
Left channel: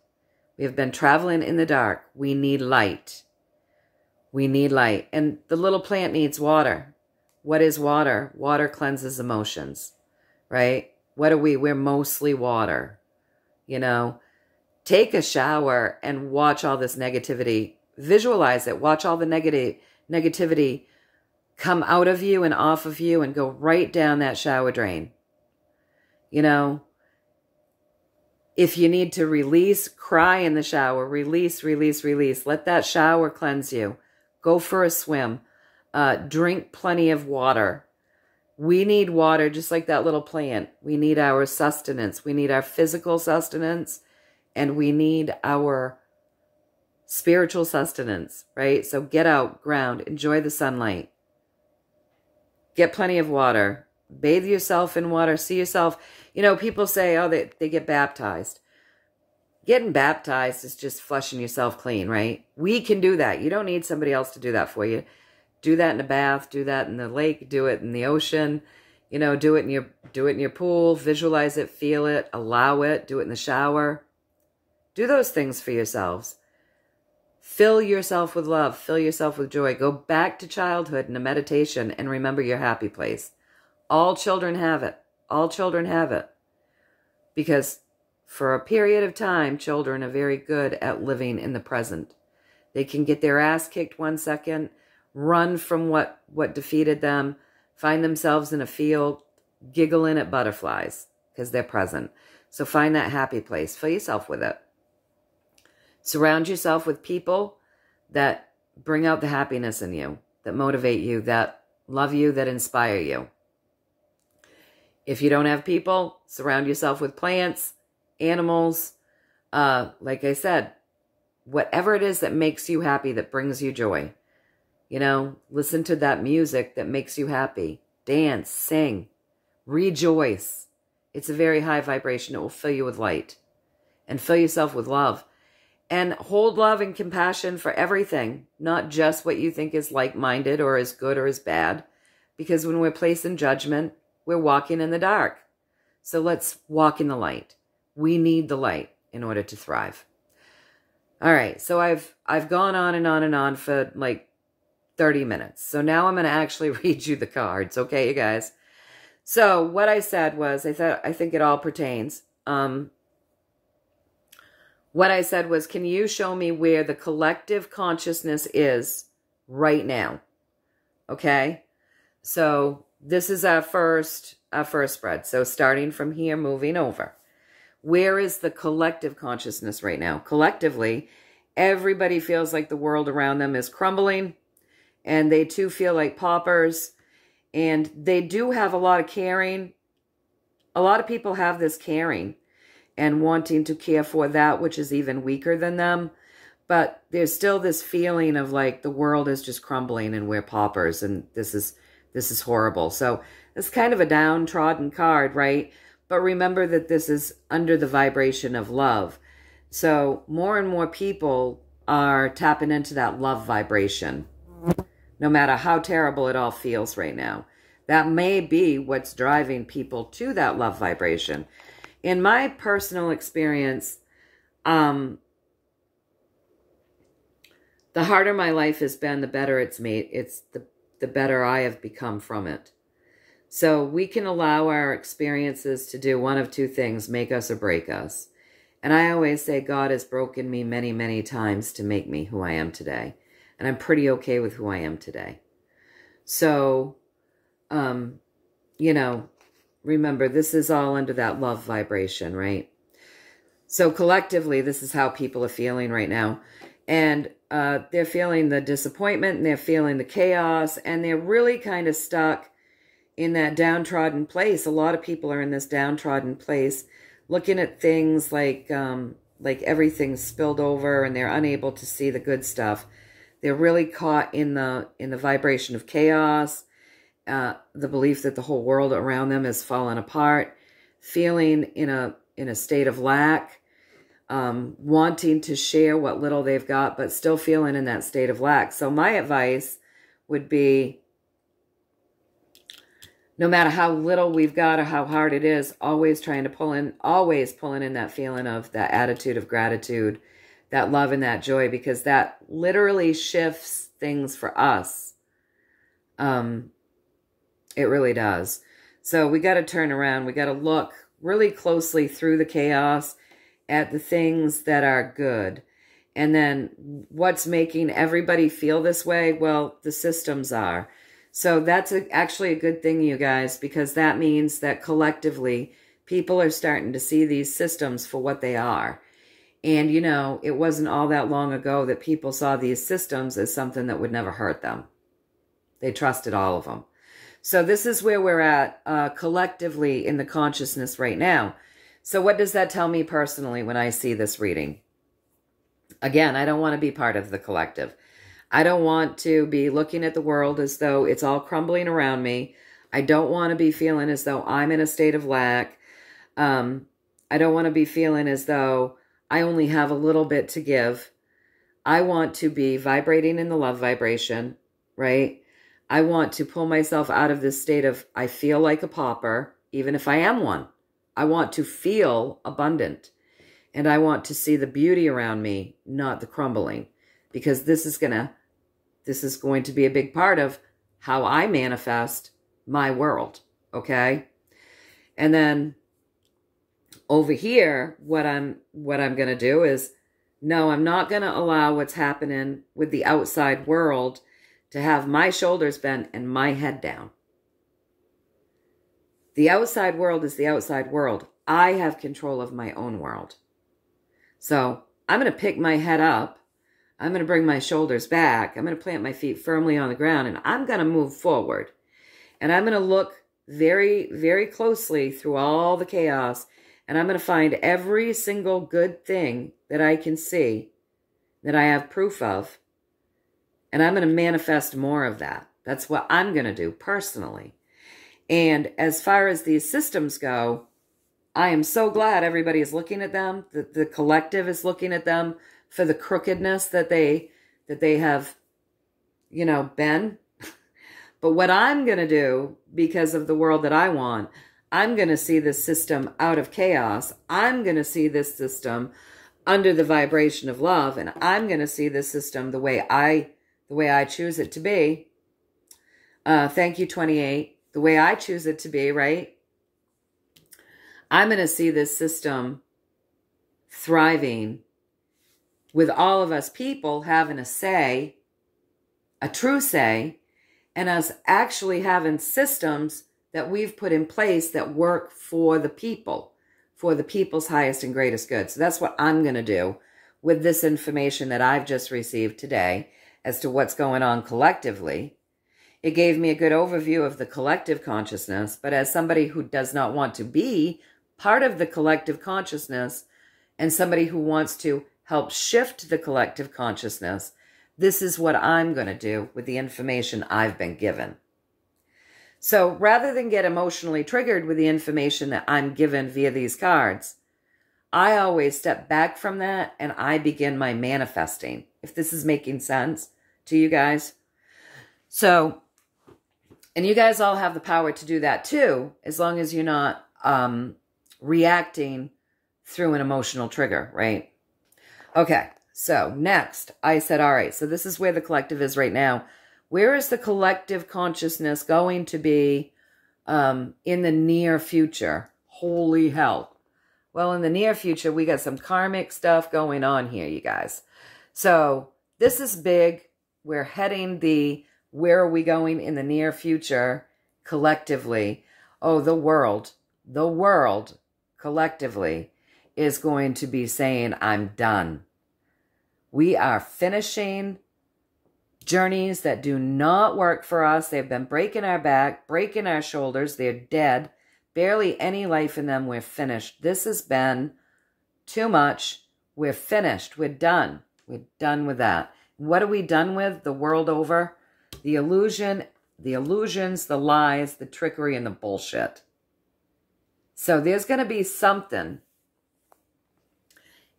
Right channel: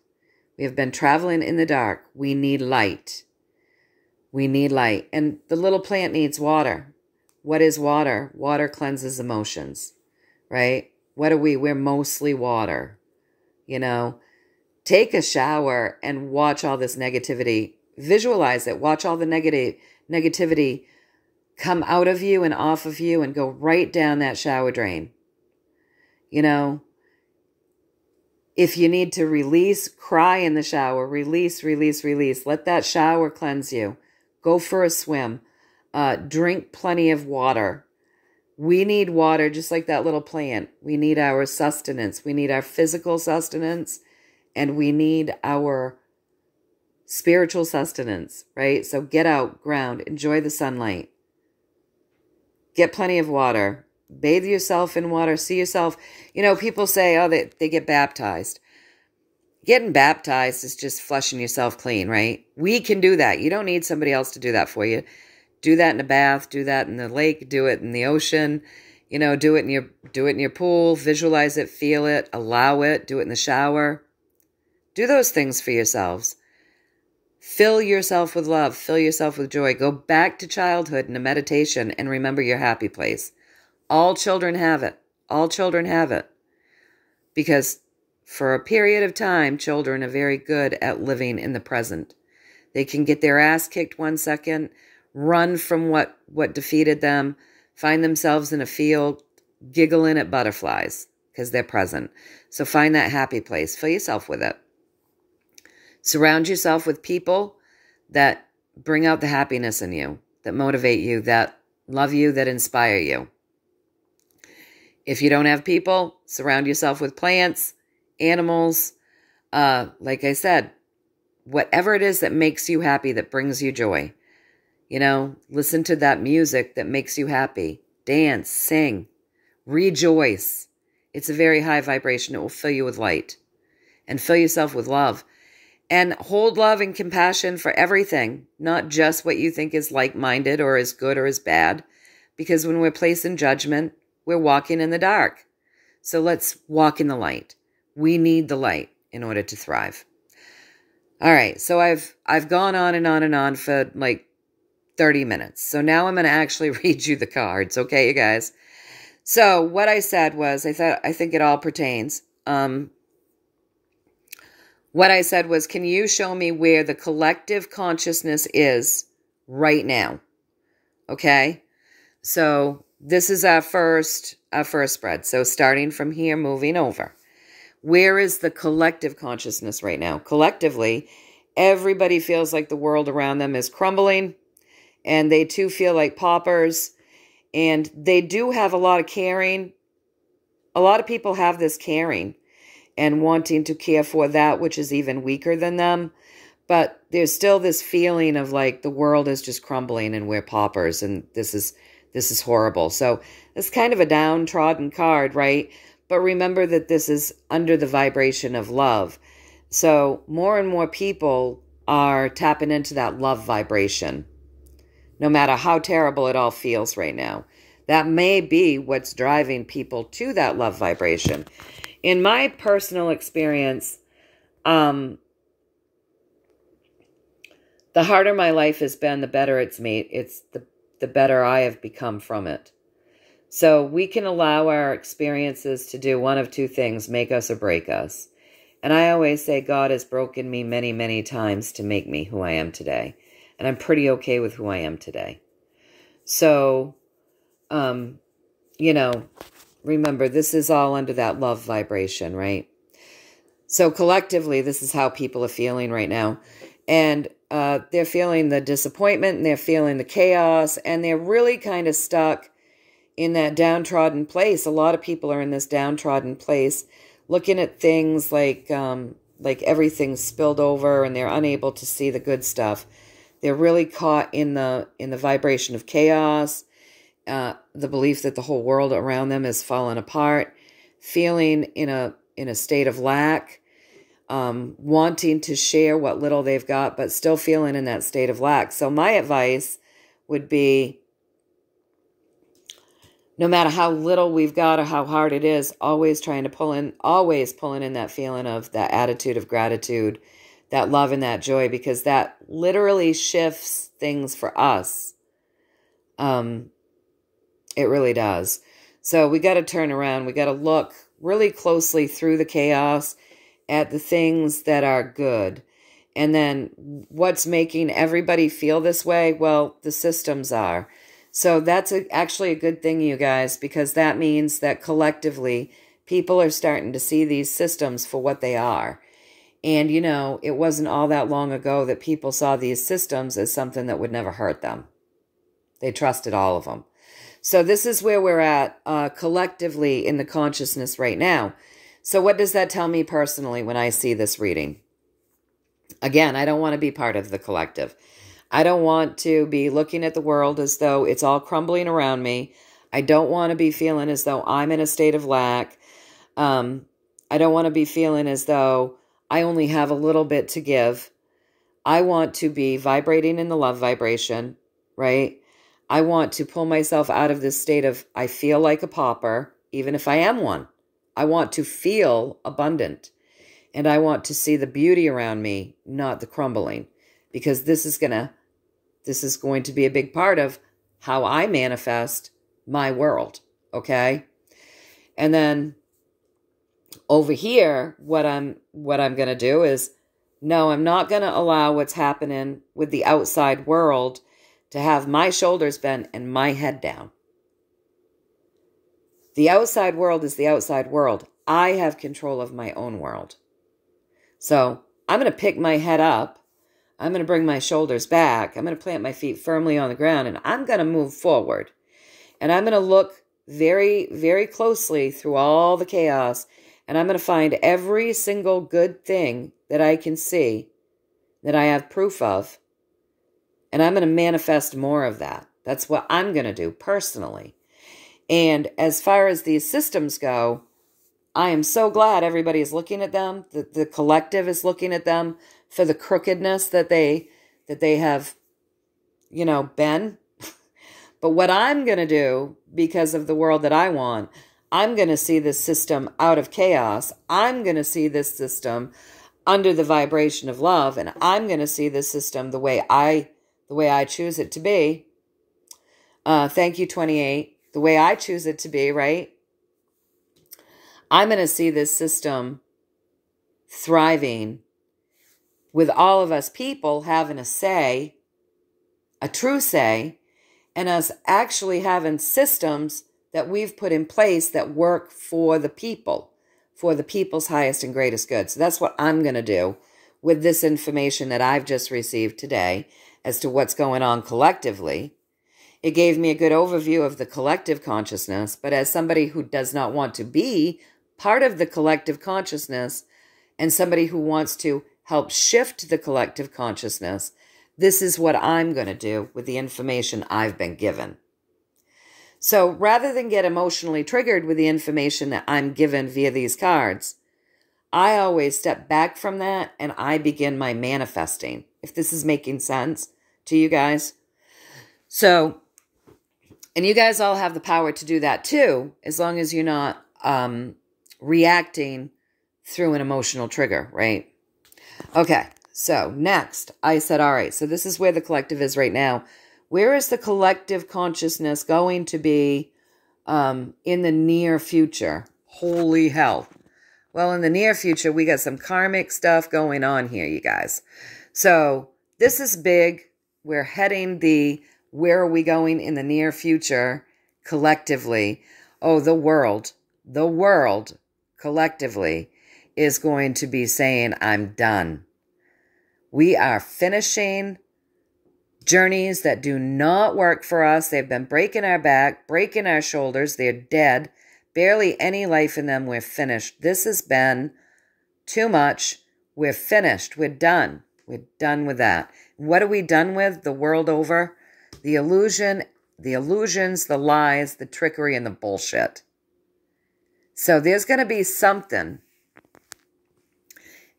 We have been traveling in the dark. We need light. We need light. And the little plant needs water. What is water? Water cleanses emotions, right? What are we? We're mostly water. You know, take a shower and watch all this negativity. Visualize it. Watch all the negativity come out of you and off of you and go right down that shower drain. You know, If you need to release, cry in the shower. Release, release, release. Let that shower cleanse you. Go for a swim. Drink plenty of water. We need water just like that little plant. We need our sustenance. We need our physical sustenance. And we need our spiritual sustenance, right? So get out, ground, enjoy the sunlight. Get plenty of water. Bathe yourself in water. See yourself. You know, people say, oh, they get baptized. Getting baptized is just flushing yourself clean, right? We can do that. You don't need somebody else to do that for you. Do that in a bath. Do that in the lake. Do it in the ocean. You know, do it in your pool. Visualize it. Feel it. Allow it. Do it in the shower. Do those things for yourselves. Fill yourself with love. Fill yourself with joy. Go back to childhood in a meditation and remember your happy place. All children have it. All children have it. Because for a period of time, children are very good at living in the present. They can get their ass kicked 1 second, run from what defeated them, find themselves in a field, giggling at butterflies because they're present. So find that happy place. Fill yourself with it. Surround yourself with people that bring out the happiness in you, that motivate you, that love you, that inspire you. If you don't have people, surround yourself with plants, animals. Like I said, whatever it is that makes you happy, that brings you joy. You know, listen to that music that makes you happy. Dance, sing, rejoice. It's a very high vibration. It will fill you with light. And fill yourself with love. And hold love and compassion for everything, not just what you think is like-minded or is good or is bad. Because when we're placing judgment, we're walking in the dark. So let's walk in the light. We need the light in order to thrive. All right, so I've gone on and on and on for like 30 minutes. So now I'm going to actually read you the cards, okay, you guys? So what I said was, I think it all pertains. What I said was, can you show me where the collective consciousness is right now? Okay? So this is our first spread. So starting from here, moving over. Where is the collective consciousness right now? Collectively, everybody feels like the world around them is crumbling, and they too feel like paupers, and they do have a lot of caring. A lot of people have this caring and wanting to care for that which is even weaker than them. But there's still this feeling of like the world is just crumbling and we're paupers and this is horrible. So it's kind of a downtrodden card, right? But remember that this is under the vibration of love. So more and more people are tapping into that love vibration, no matter how terrible it all feels right now. That may be what's driving people to that love vibration. In my personal experience, the harder my life has been, the better it's made. It's the better I have become from it. So we can allow our experiences to do one of two things, make us or break us. And I always say God has broken me many, many times to make me who I am today. And I'm pretty okay with who I am today. So, you know, remember, this is all under that love vibration, right? So collectively, this is how people are feeling right now. And they're feeling the disappointment, and they're feeling the chaos, and they're really kind of stuck in that downtrodden place. A lot of people are in this downtrodden place, looking at things like everything's spilled over, and they're unable to see the good stuff. They're really caught in the vibration of chaos, the belief that the whole world around them has fallen apart, feeling in a state of lack, wanting to share what little they've got, but still feeling in that state of lack. So my advice would be, no matter how little we've got or how hard it is, always pulling in that feeling of that attitude of gratitude, that love and that joy, because that literally shifts things for us. It really does. So we got to turn around. We got to look really closely through the chaos at the things that are good. And then what's making everybody feel this way? Well, the systems are. So that's actually a good thing, you guys, because that means that collectively People are starting to see these systems for what they are. And, you know, it wasn't all that long ago that people saw these systems as something that would never hurt them. They trusted all of them. So this is where we're at collectively in the consciousness right now. So what does that tell me personally when I see this reading? Again, I don't want to be part of the collective. I don't want to be looking at the world as though it's all crumbling around me. I don't want to be feeling as though I'm in a state of lack. I don't want to be feeling as though I only have a little bit to give. I want to be vibrating in the love vibration, right? I want to pull myself out of this state of I feel like a pauper, even if I am one. I want to feel abundant. And I want to see the beauty around me, not the crumbling. Because this is going to be a big part of how I manifest my world, okay? And then over here, what I'm going to do is, no, I'm not going to allow what's happening with the outside world to have my shoulders bent and my head down. The outside world is the outside world. I have control of my own world. So I'm going to pick my head up. I'm going to bring my shoulders back. I'm going to plant my feet firmly on the ground, and I'm going to move forward. And I'm going to look very, very closely through all the chaos, and I'm going to find every single good thing that I can see, that I have proof of, and I'm going to manifest more of that. That's what I'm going to do personally. And as far as these systems go, I am so glad everybody is looking at them, that the collective is looking at them for the crookedness that they have, you know, been. But what I'm going to do, because of the world that I want, I'm going to see this system out of chaos. I'm going to see this system under the vibration of love, and I'm going to see this system the way I choose it to be. Thank you, 28. The way I choose it to be, right? I'm going to see this system thriving with all of us people having a say, a true say, and us actually having systems that we've put in place that work for the people, for the people's highest and greatest good. So that's what I'm going to do with this information that I've just received today as to what's going on collectively. It gave me a good overview of the collective consciousness, but as somebody who does not want to be part of the collective consciousness and somebody who wants to help shift the collective consciousness, this is what I'm going to do with the information I've been given. So rather than get emotionally triggered with the information that I'm given via these cards, I always step back from that and I begin my manifesting, if this is making sense to you guys. So, and you guys all have the power to do that too, as long as you're not reacting through an emotional trigger, right? Okay, so next, I said, all right, so this is where the collective is right now. Where is the collective consciousness going to be in the near future? Holy hell. Well, in the near future, we got some karmic stuff going on here, you guys. So this is big. We're heading where are we going in the near future collectively? Oh, the world collectively is going to be saying, I'm done. We are finishing journeys that do not work for us. They've been breaking our back, breaking our shoulders. They're dead. Barely any life in them. We're finished. This has been too much. We're finished. We're done. We're done with that. What are we done with the world over? The illusion, the illusions, the lies, the trickery, and the bullshit. So there's going to be something.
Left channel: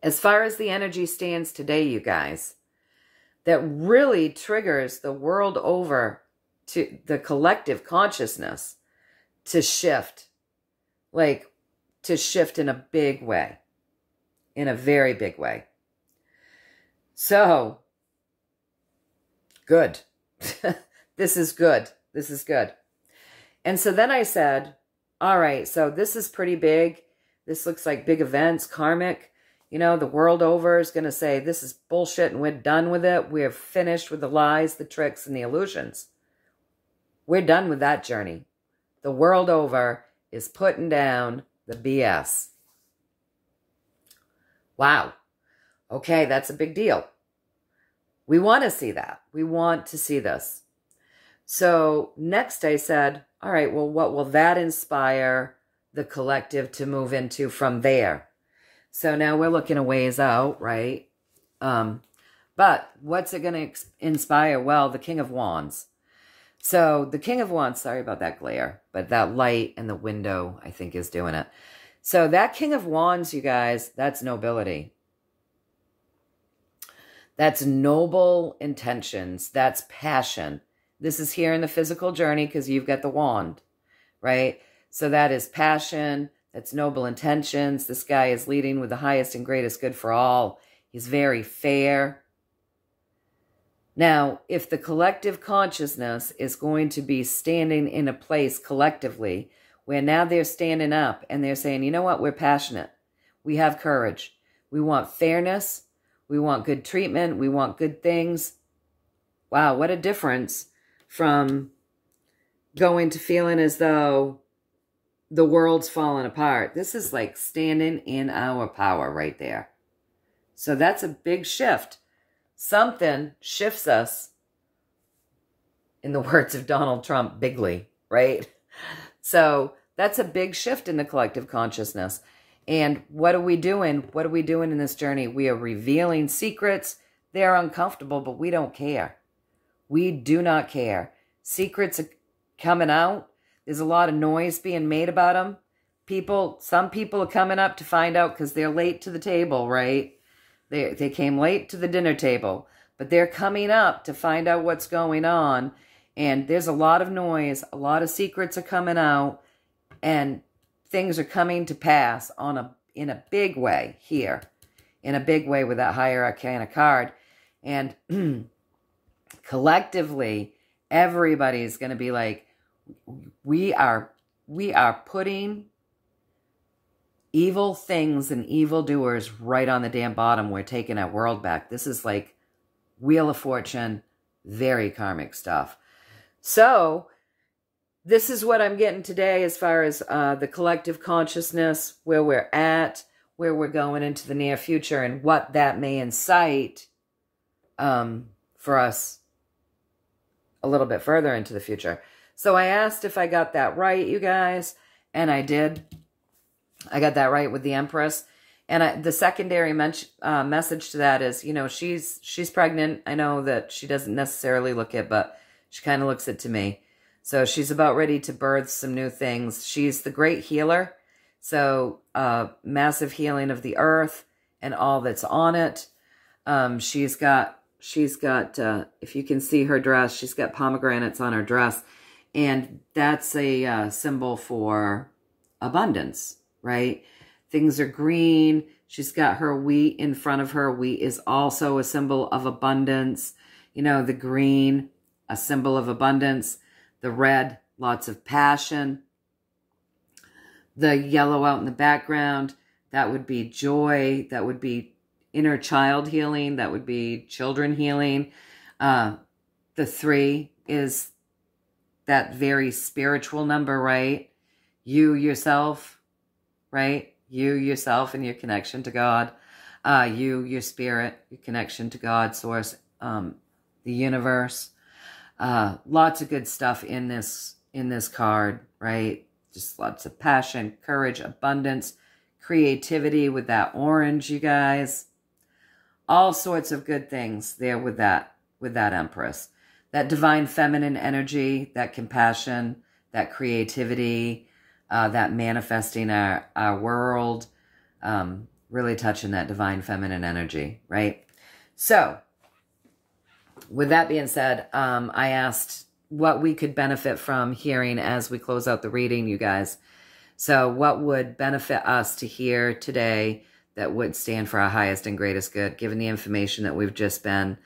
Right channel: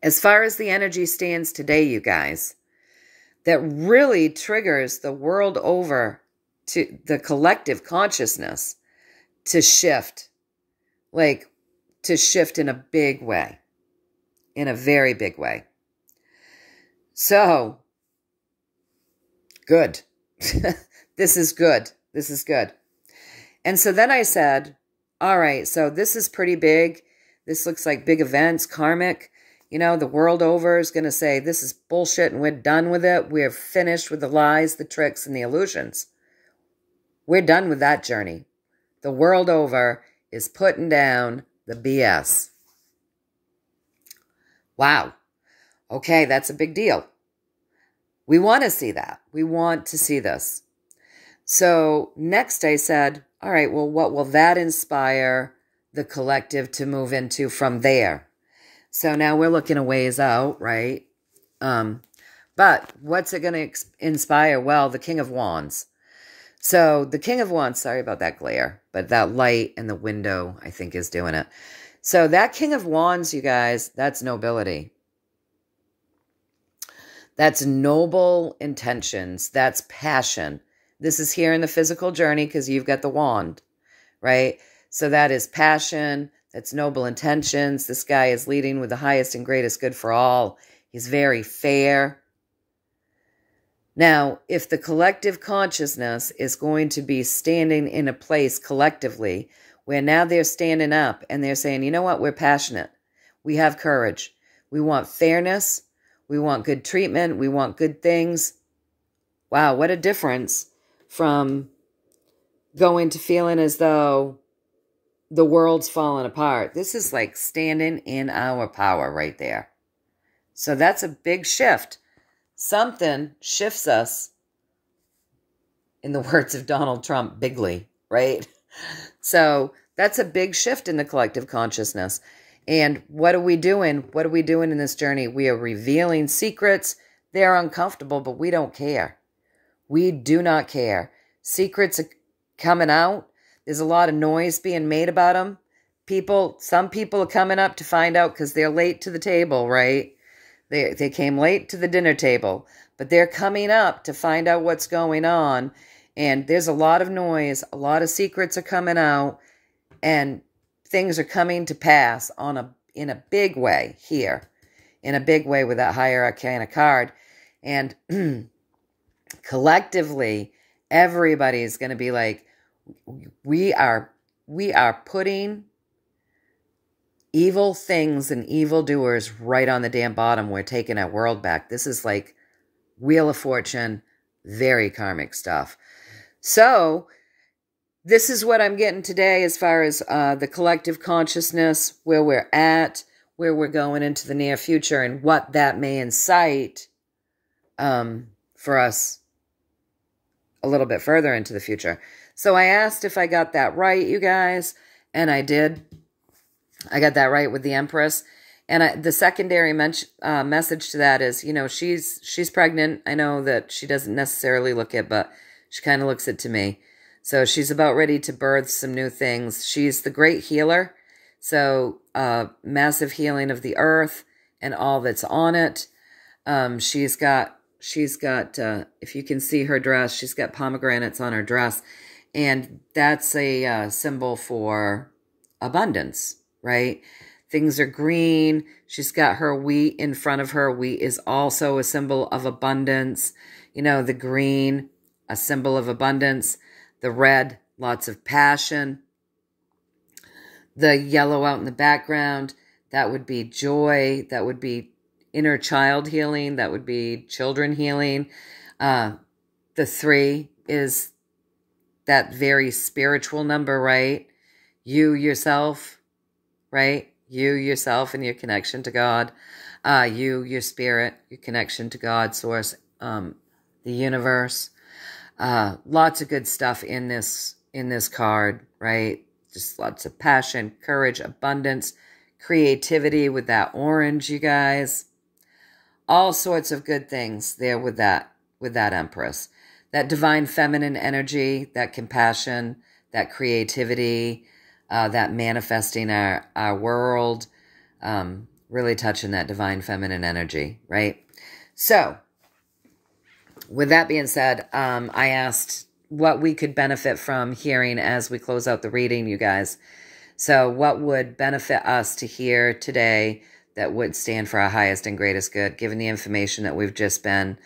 As far as the energy stands today, you guys, that really triggers the world over to the collective consciousness to shift. Like, to shift in a big way. In a very big way. So, good. This is good. This is good. And so then I said, all right, so this is pretty big. This looks like big events, karmic. You know, the world over is going to say, this is bullshit and we're done with it. We're finished with the lies, the tricks, and the illusions. We're done with that journey. The world over is putting down the BS. Wow. Okay, that's a big deal. We want to see that. We want to see this. So next I said, all right, well, what will that inspire the collective to move into from there? So now we're looking a ways out, right? But what's it going to inspire? Well, the King of Wands. So the King of Wands, sorry about that glare, but that light in the window, I think, is doing it. So that King of Wands, you guys, that's nobility. That's noble intentions. That's passion. This is here in the physical journey because you've got the wand, right? So that is passion. That's noble intentions. This guy is leading with the highest and greatest good for all. He's very fair. Now, if the collective consciousness is going to be standing in a place collectively where now they're standing up and they're saying, you know what, we're passionate. We have courage. We want fairness. We want good treatment. We want good things. Wow, what a difference from going to feeling as though the world's falling apart. This is like standing in our power right there. So that's a big shift. Something shifts us, in the words of Donald Trump, bigly, right? So that's a big shift in the collective consciousness. And what are we doing? What are we doing in this journey? We are revealing secrets. They're uncomfortable, but we don't care. We do not care. Secrets are coming out. There's a lot of noise being made about them. Some people are coming up to find out because they're late to the table, right? They came late to the dinner table, but they're coming up to find out what's going on. And there's a lot of noise. A lot of secrets are coming out. And things are coming to pass in a big way here. In a big way with that higher arcana card. And collectively, everybody's going to be like, we are putting evil things and evildoers right on the damn bottom. We're taking our world back. This is like Wheel of Fortune, very karmic stuff. So this is what I'm getting today as far as the collective consciousness, where we're at, where we're going into the near future, and what that may incite for us a little bit further into the future. So I asked if I got that right, you guys, and I did. I got that right with the Empress. And the secondary message to that is, you know, she's pregnant. I know that she doesn't necessarily look it, but she kind of looks it to me. So she's about ready to birth some new things. She's the great healer. So massive healing of the earth and all that's on it. She's got, if you can see her dress, she's got pomegranates on her dress. And that's a symbol for abundance, right? Things are green. She's got her wheat in front of her. Wheat is also a symbol of abundance. You know, the green, a symbol of abundance. The red, lots of passion. The yellow out in the background, that would be joy. That would be inner child healing. That would be children healing. The 3 is that very spiritual number, right? You yourself, right? You yourself and your connection to God. You, your spirit, your connection to God, source, the universe. Lots of good stuff in this card, right? Just lots of passion, courage, abundance, creativity with that orange, you guys. All sorts of good things there with that Empress. That divine feminine energy, that compassion, that creativity, that manifesting our world, really touching that divine feminine energy, right? So, with that being said, I asked what we could benefit from hearing as we close out the reading, you guys. So what would benefit us to hear today that would stand for our highest and greatest good, given the information that we've just been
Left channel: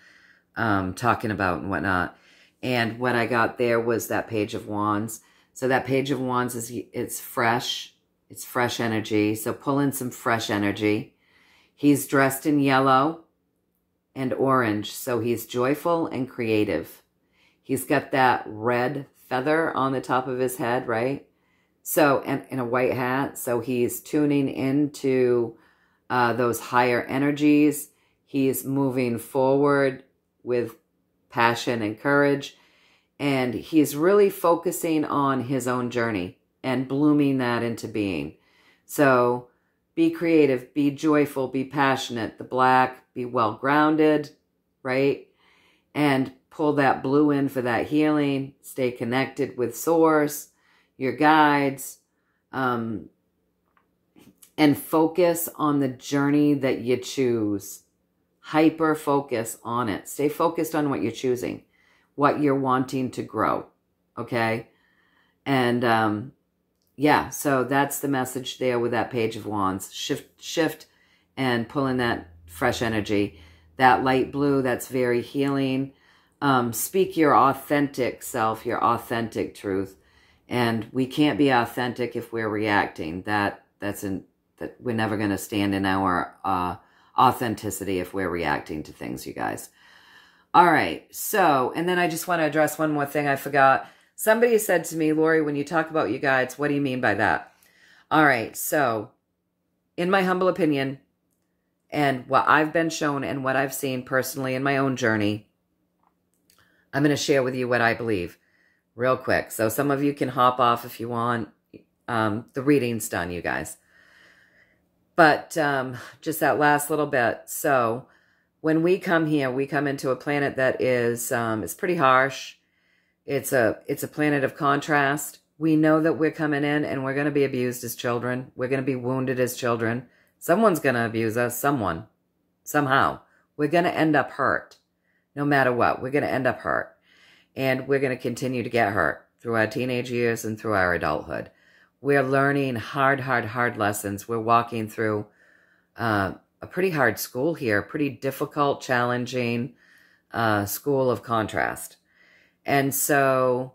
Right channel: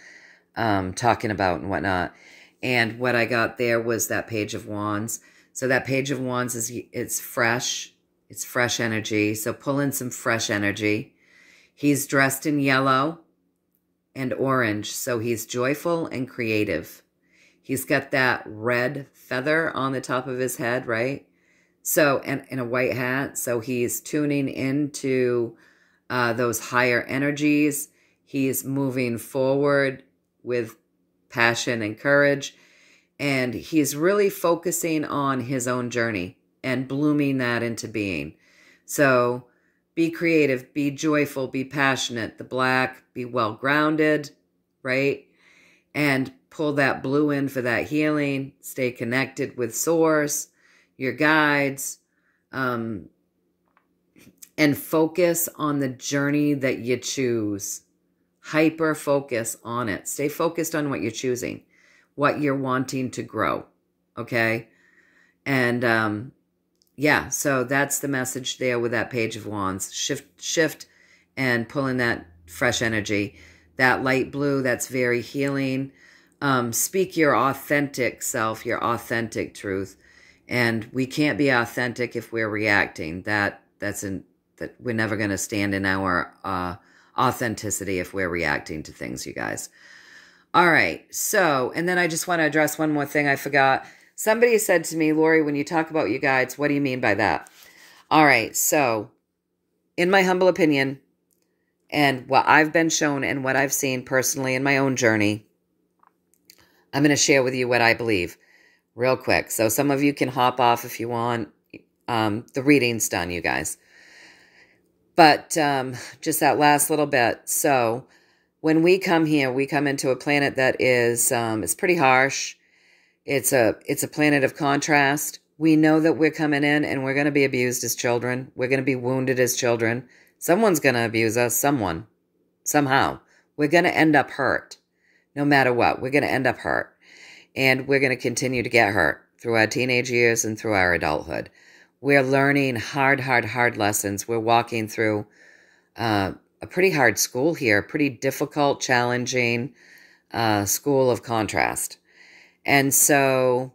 talking about and whatnot. And what I got there was that Page of Wands. So that Page of Wands it's fresh. It's fresh energy. So pull in some fresh energy. He's dressed in yellow and orange. So he's joyful and creative. He's got that red feather on the top of his head, right? So, and in a white hat. So he's tuning into those higher energies. He's moving forward with passion and courage. And he's really focusing on his own journey and blooming that into being. So be creative, be joyful, be passionate. The black, be well-grounded, right? And pull that blue in for that healing. Stay connected with source, your guides, and focus on the journey that you choose. Hyper focus on it. Stay focused on what you're choosing, what you're wanting to grow, okay? And yeah, so that's the message there with that Page of Wands. Shift and pulling that fresh energy. That light blue, that's very healing. Speak your authentic self, your authentic truth. And we can't be authentic if we're reacting. That we're never going to stand in our authenticity if we're reacting to things, you guys. All right. So, and then I just want to address one more thing I forgot. Somebody said to me, Lorri, when you talk about your guides, what do you mean by that? All right. So, in my humble opinion, and what I've been shown and what I've seen personally in my own journey, I'm going to share with you what I believe real quick. So some of you can hop off if you want. The reading's done, you guys. But just that last little bit. So when we come here, we come into a planet that is, it's pretty harsh. It's a planet of contrast. We know that we're coming in and we're going to be abused as children. We're going to be wounded as children. Someone's going to abuse us, someone, somehow. We're going to end up hurt. No matter what, we're going to end up hurt. And we're going to continue to get hurt through our teenage years and through our adulthood. We're learning hard lessons. We're walking through a pretty hard school here, pretty difficult, challenging school of contrast. And so,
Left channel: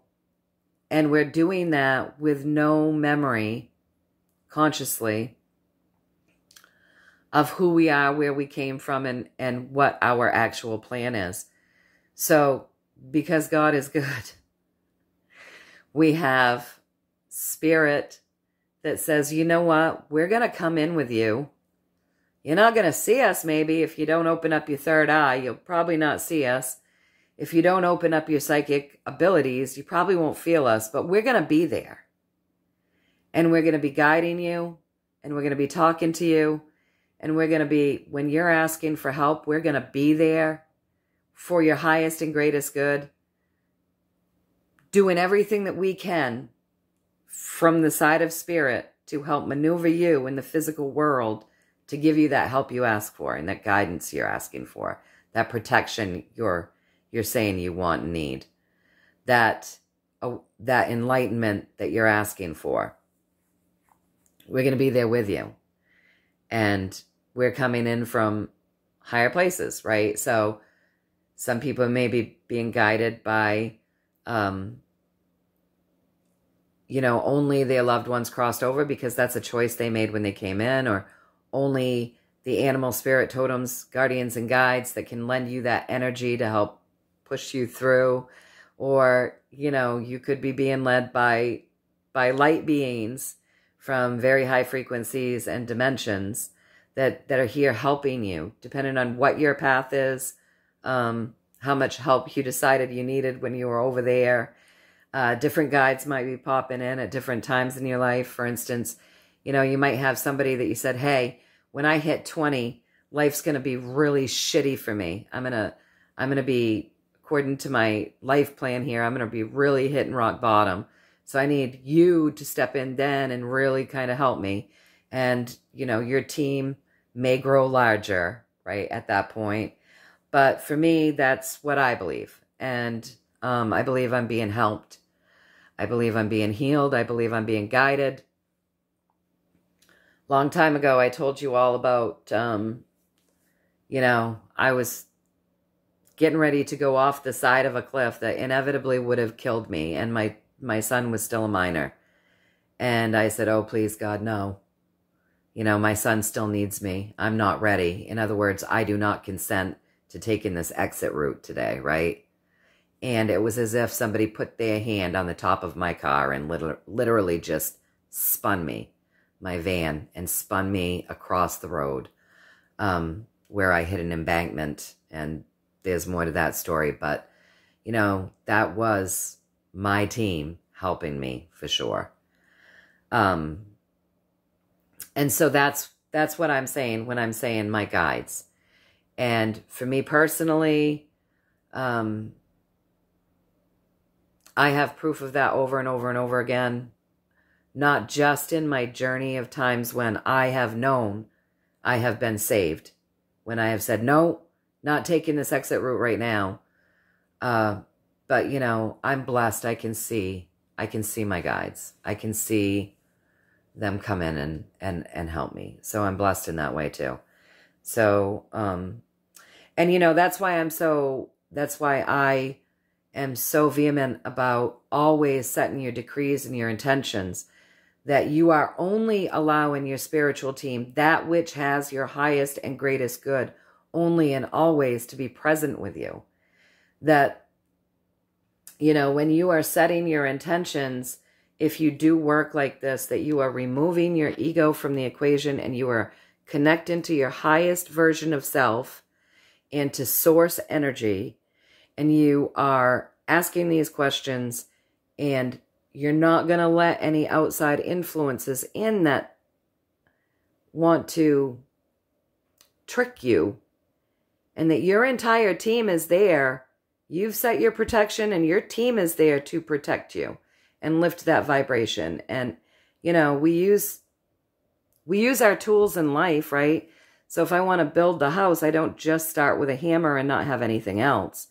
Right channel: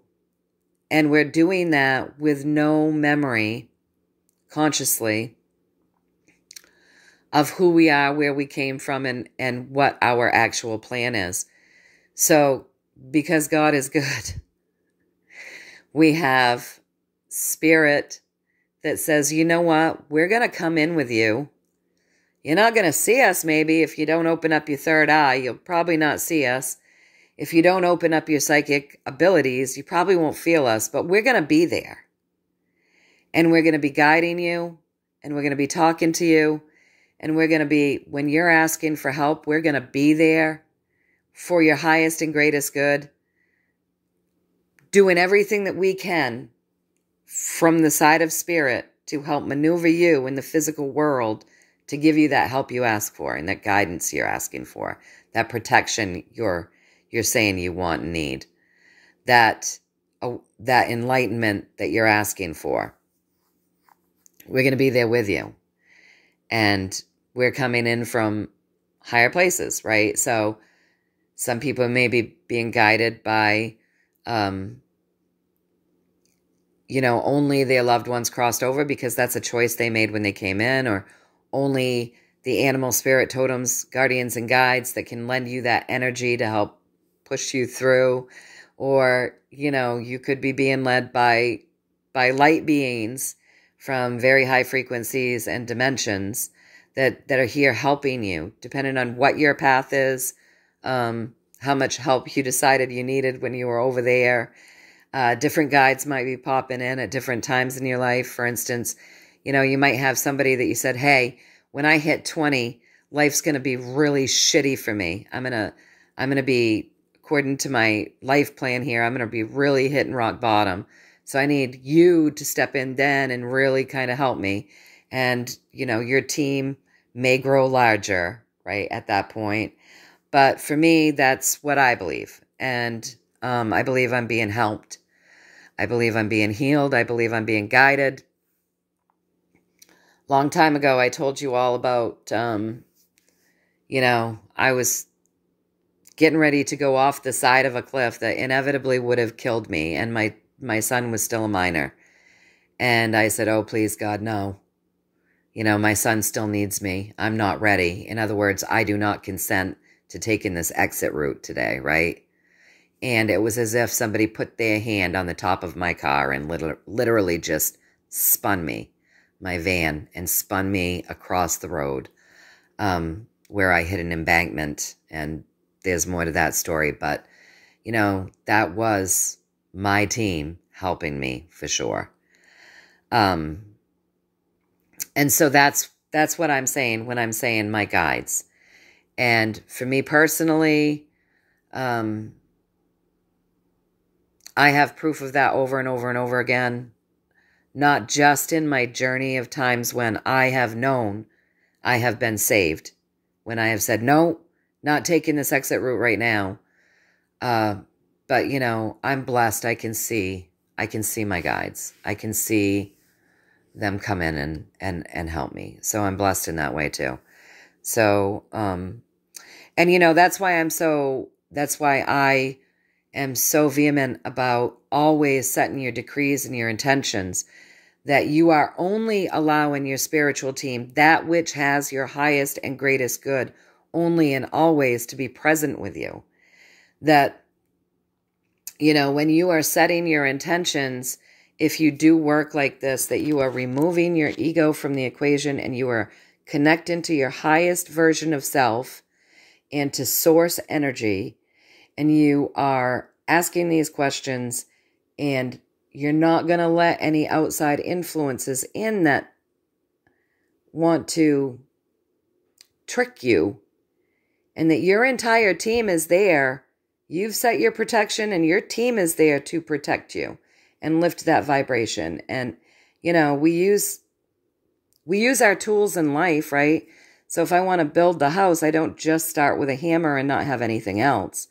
and we're doing that with no memory, consciously, of who we are, where we came from, and what our actual plan is. So, because God is good, we have spirit that says, you know what, we're going to come in with you. You're not going to see us maybe if you don't open up your third eye. You'll probably not see us. If you don't open up your psychic abilities, you probably won't feel us, but we're going to be there. And we're going to be guiding you, and we're going to be talking to you, and we're going to be, when you're asking for help, we're going to be there for your highest and greatest good, doing everything that we can from the side of spirit to help maneuver you in the physical world to give you that help you ask for and that guidance you're asking for, that protection you're saying you want and need, that enlightenment that you're asking for. We're going to be there with you. And we're coming in from higher places, right? So some people may be being guided by, only their loved ones crossed over because that's a choice they made when they came in, or only the animal spirit totems, guardians, and guides that can lend you that energy to help push you through. Or, you could be being led by light beings from very high frequencies and dimensions that are here helping you, depending on what your path is, how much help you decided you needed when you were over there. Different guides might be popping in at different times in your life. For instance, you might have somebody that you said, hey, when I hit 20, life's going to be really shitty for me. I'm going to be, according to my life plan here, I'm going to be really hitting rock bottom. So I need you to step in then and really kind of help me. And, your team may grow larger, right, at that point. But for me, that's what I believe. And I believe I'm being helped. I believe I'm being healed. I believe I'm being guided. Long time ago, I told you all about, I was getting ready to go off the side of a cliff that inevitably would have killed me. And my son was still a minor. And I said, oh, please, God, no. My son still needs me. I'm not ready. In other words, I do not consent to taking this exit route today, right? And it was as if somebody put their hand on the top of my car and literally just spun me, my van, and spun me across the road where I hit an embankment. And there's more to that story. But, you know, that was my team helping me for sure. And so that's what I'm saying when I'm saying my guides. And for me personally, I have proof of that over and over and over again, not just in my journey of times when I have known I have been saved, when I have said, no, not taking this exit route right now. But, you know, I'm blessed. I can see my guides. I can see them come in and help me. So I'm blessed in that way too. So, and you know, that's why I am so vehement about always setting your decrees and your intentions, that you are only allowing your spiritual team, that which has your highest and greatest good, only and always to be present with you. That, you know, when you are setting your intentions, if you do work like this, that you are removing your ego from the equation and you are connecting to your highest version of self and to source energy, and you are asking these questions, and you're not going to let any outside influences in that want to trick you, and that your entire team is there. You've set your protection and your team is there to protect you and lift that vibration. And, you know, we use our tools in life, right? So if I want to build the house, I don't just start with a hammer and not have anything else.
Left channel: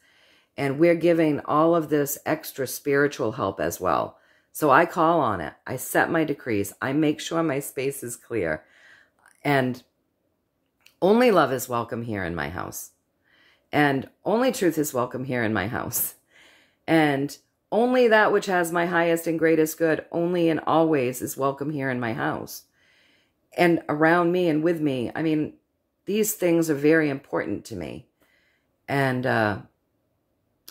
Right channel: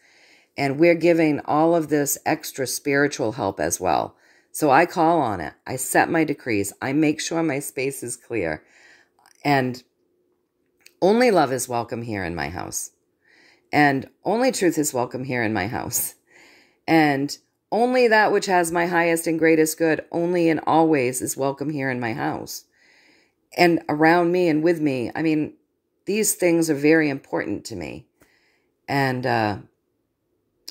And we're giving all of this extra spiritual help as well. So I call on it. I set my decrees. I make sure my space is clear. And only love is welcome here in my house. And only truth is welcome here in my house. And only that which has my highest and greatest good, only and always, is welcome here in my house. And around me and with me. I mean, these things are very important to me. And,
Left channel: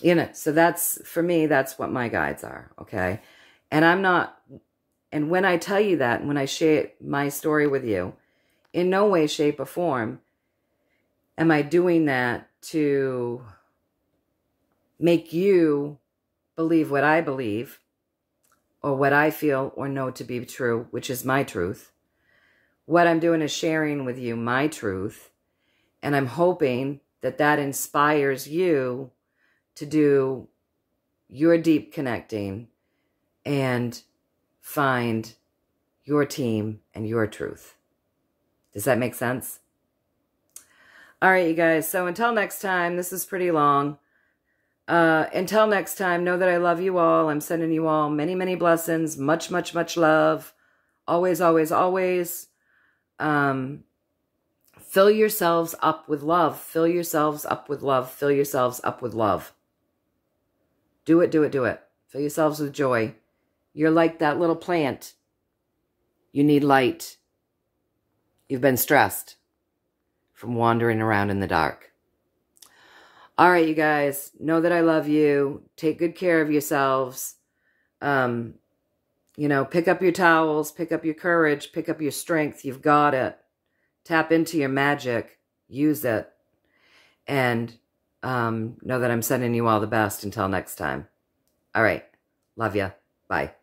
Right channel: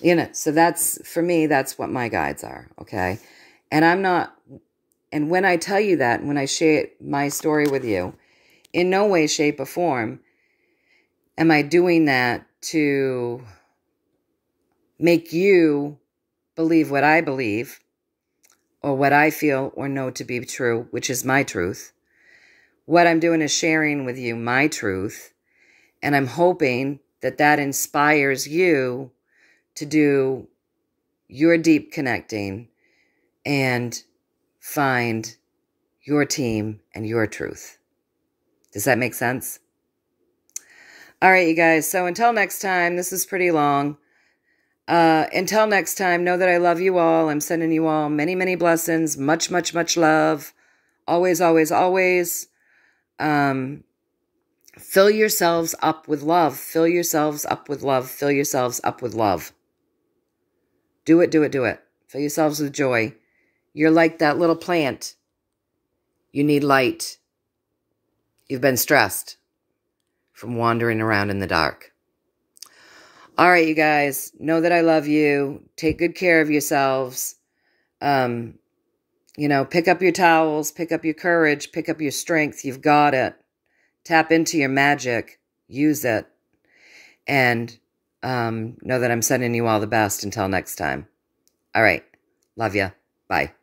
you know, so that's, for me, that's what my guides are, okay? And I'm not, and when I tell you that, when I share my story with you, in no way, shape, or form am I doing that to make you believe what I believe or what I feel or know to be true, which is my truth. What I'm doing is sharing with you my truth, and I'm hoping that that inspires you to do your deep connecting and find your team and your truth. Does that make sense? All right, you guys. So until next time, this is pretty long. Until next time, know that I love you all. I'm sending you all many, many blessings. Much, much, much love. Always, always, always. Fill yourselves up with love. Fill yourselves up with love. Fill yourselves up with love. Do it, do it, do it. Fill yourselves with joy. You're like that little plant. You need light. You've been stressed from wandering around in the dark. All right, you guys. Know that I love you. Take good care of yourselves. You know, pick up your towels. Pick up your courage. Pick up your strength. You've got it. Tap into your magic. Use it. And know that I'm sending you all the best until next time. All right. Love ya. Bye.